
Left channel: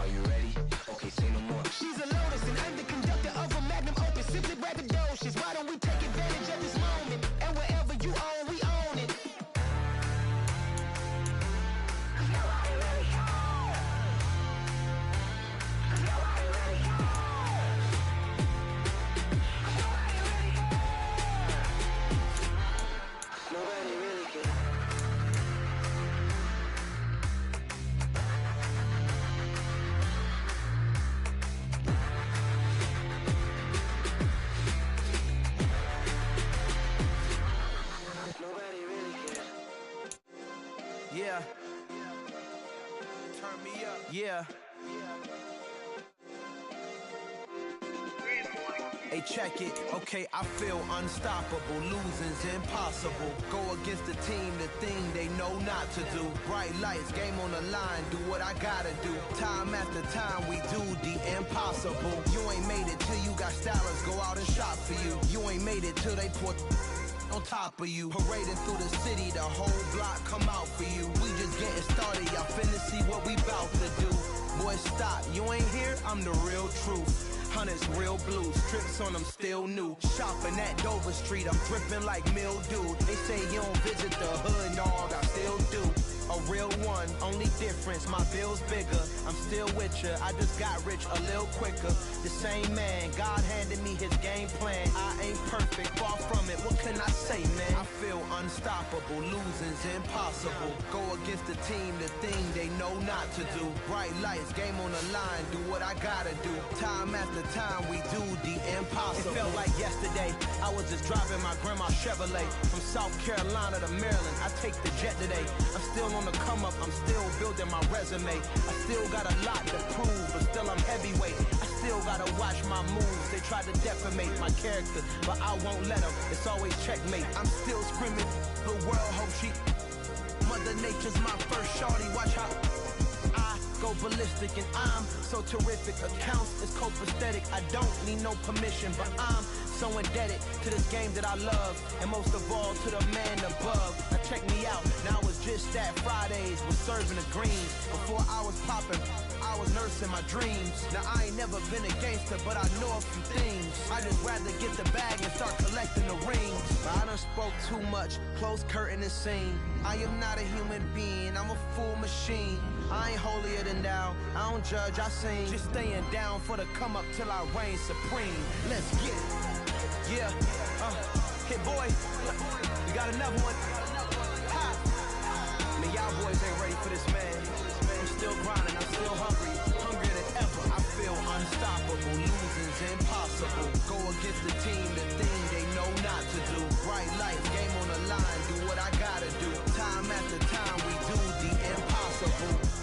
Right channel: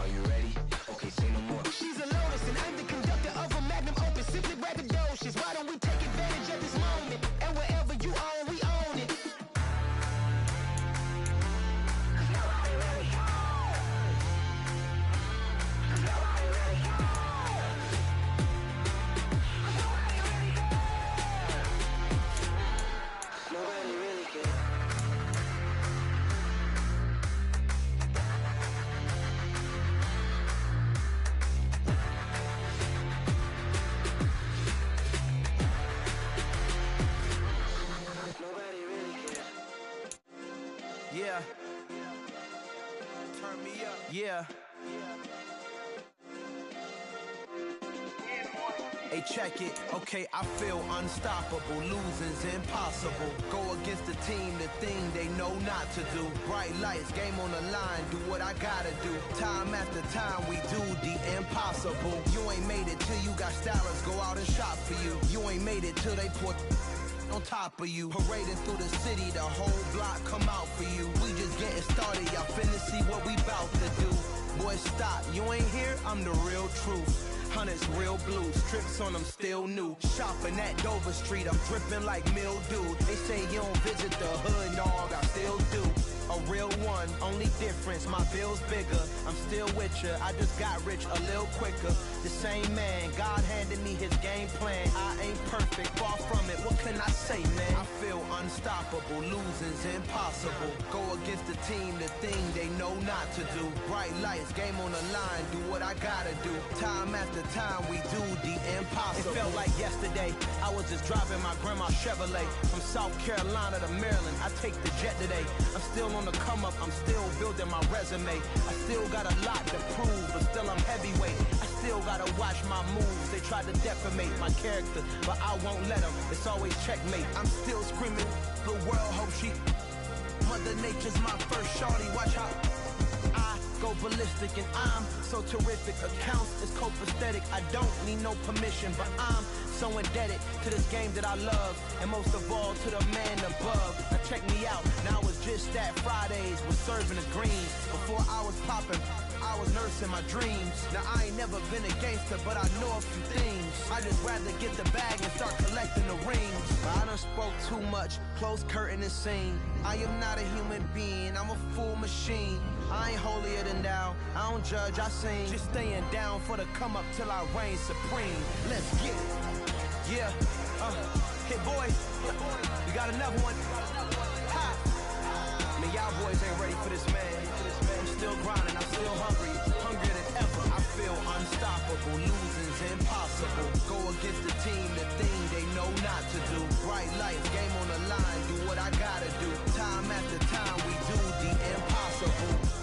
Are you ready? Okay, say no more. She's a Lotus and I'm the conductor of a Magnum Opus. Simply braggadocious. Why don't we take advantage of this moment? And wherever you own, we own it. Nobody really cares. Nobody really cares. Nobody really cares. Nobody really cares. Yeah. Turn me up. Yeah. Hey, check it. Okay, I feel unstoppable. Losing's impossible. Go against the team, the thing they know not to do. Bright lights, game on the line. Do what I gotta do. Time after time, we do the impossible. You ain't made it till you got stylists go out and shop for you. You ain't made it till they put on top of you. Parading through the city, the whole block come out for you. We just getting started, y'all finna see what we bout to do. Boy, stop, you ain't here, I'm the real truth. Hunters real blue, strips on them still new. Shopping at Dover Street, I'm dripping like mildew. They say you don't visit the hood, dog, I still do. A real one, only difference, my bill's bigger. I'm still with ya, I just got rich a little quicker. The same man, God handed me his game plan. I ain't perfect, far from it, what can I say, man? I feel unstoppable, losing's impossible. Go against the team, the thing they know not to do. Bright lights, game on the line, do what I gotta do. Time after time, we do the impossible. It felt like yesterday, I was just driving my grandma's Chevrolet. From South Carolina to Maryland, I take the jet today. I'm still on the come up, I'm still building my resume. I still got a lot to prove, but still I'm heavyweight. I still gotta watch my moves. They try to defamate my character, but I won't let them. It's always checkmate. I'm still screaming, the world hope she. Mother Nature's my first shorty, watch how I go ballistic and I'm so terrific. Accounts is copacetic, I don't need no permission, but I'm so indebted to this game that I love, and most of all to the man above. Now check me out, now it's just that Fridays was serving the greens. Before I was popping, I was nursing my dreams. Now I ain't never been a gangster, but I know a few things. I just rather get the bag and start collecting the rings. But I done spoke too much, close curtain and scene. I am not a human being, I'm a full machine. I ain't holier than thou, I don't judge, I sing. Just staying down for the come up till I reign supreme. Let's get it. Yeah, hit boy, we got another one. Ha. Man, y'all boys ain't ready for this, man. I'm still grinding, I'm still hungry, hungrier than ever. I feel unstoppable, losing's impossible. Go against the team, the thing they know not to do. Bright lights, game on the line, do what I gotta do. Time after time, we do the impossible.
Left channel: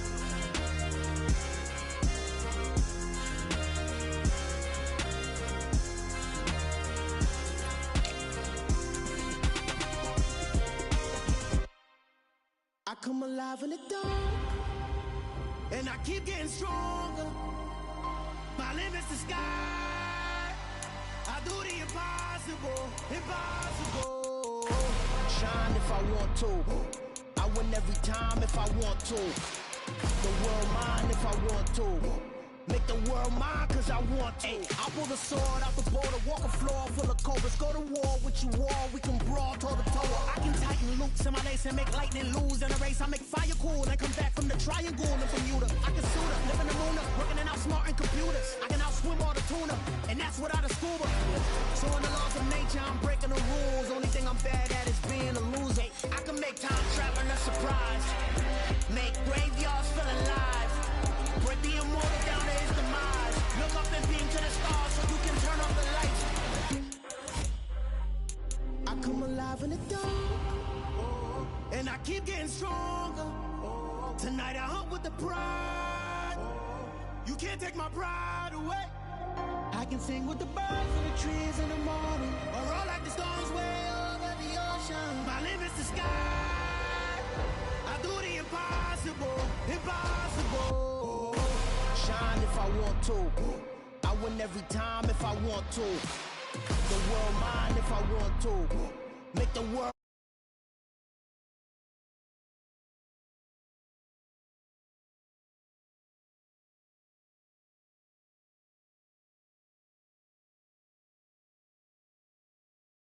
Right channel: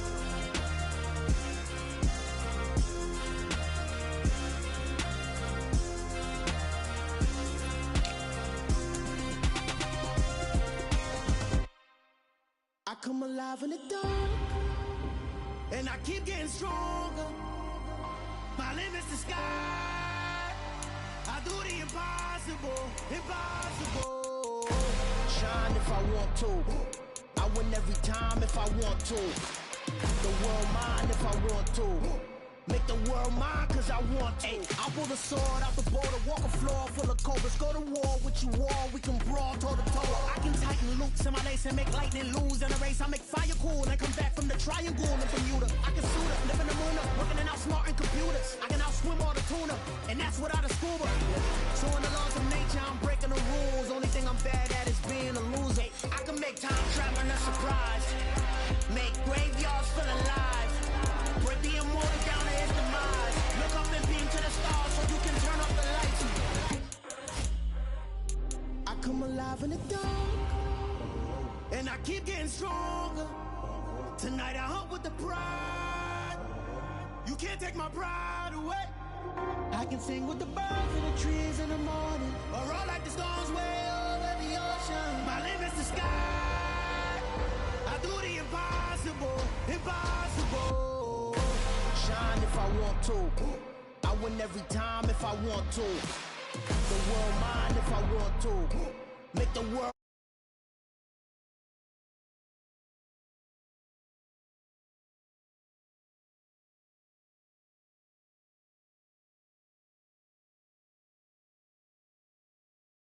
I come alive in the dark, and I keep getting stronger. My limit's the sky. I do the impossible, impossible. Shine if I want to. I win every time if I want to. The world mine if I want to. Make the world mine cause I want to. Ay, I'll pull the sword out the border, walk a floor full of cobras. Go to war with you all, we can brawl toe to toe. I can tighten loops in my lace and make lightning lose in a race. I make fire cool and come back from the triangle in Bermuda. I can suit up, live in the moon up, working and outsmarting computers. I can outswim all the tuna, and that's without a scuba. So in the laws of nature, I'm breaking the rules. Only thing I'm bad at is being a loser. I can make time traveling a surprise, make graveyards feel alive. Break the immortal down to his demise. Look up and beam to the stars so you can turn off the lights. I come alive in the dark, and I keep getting stronger. Tonight I hunt with the pride. You can't take my pride away. I can sing with the birds in the trees in the morning, or roll like the storms way over the ocean. My limit's the sky. I do the impossible, impossible. Shine if I want to. I win every time if I want to. The world mine if I want to. Make the world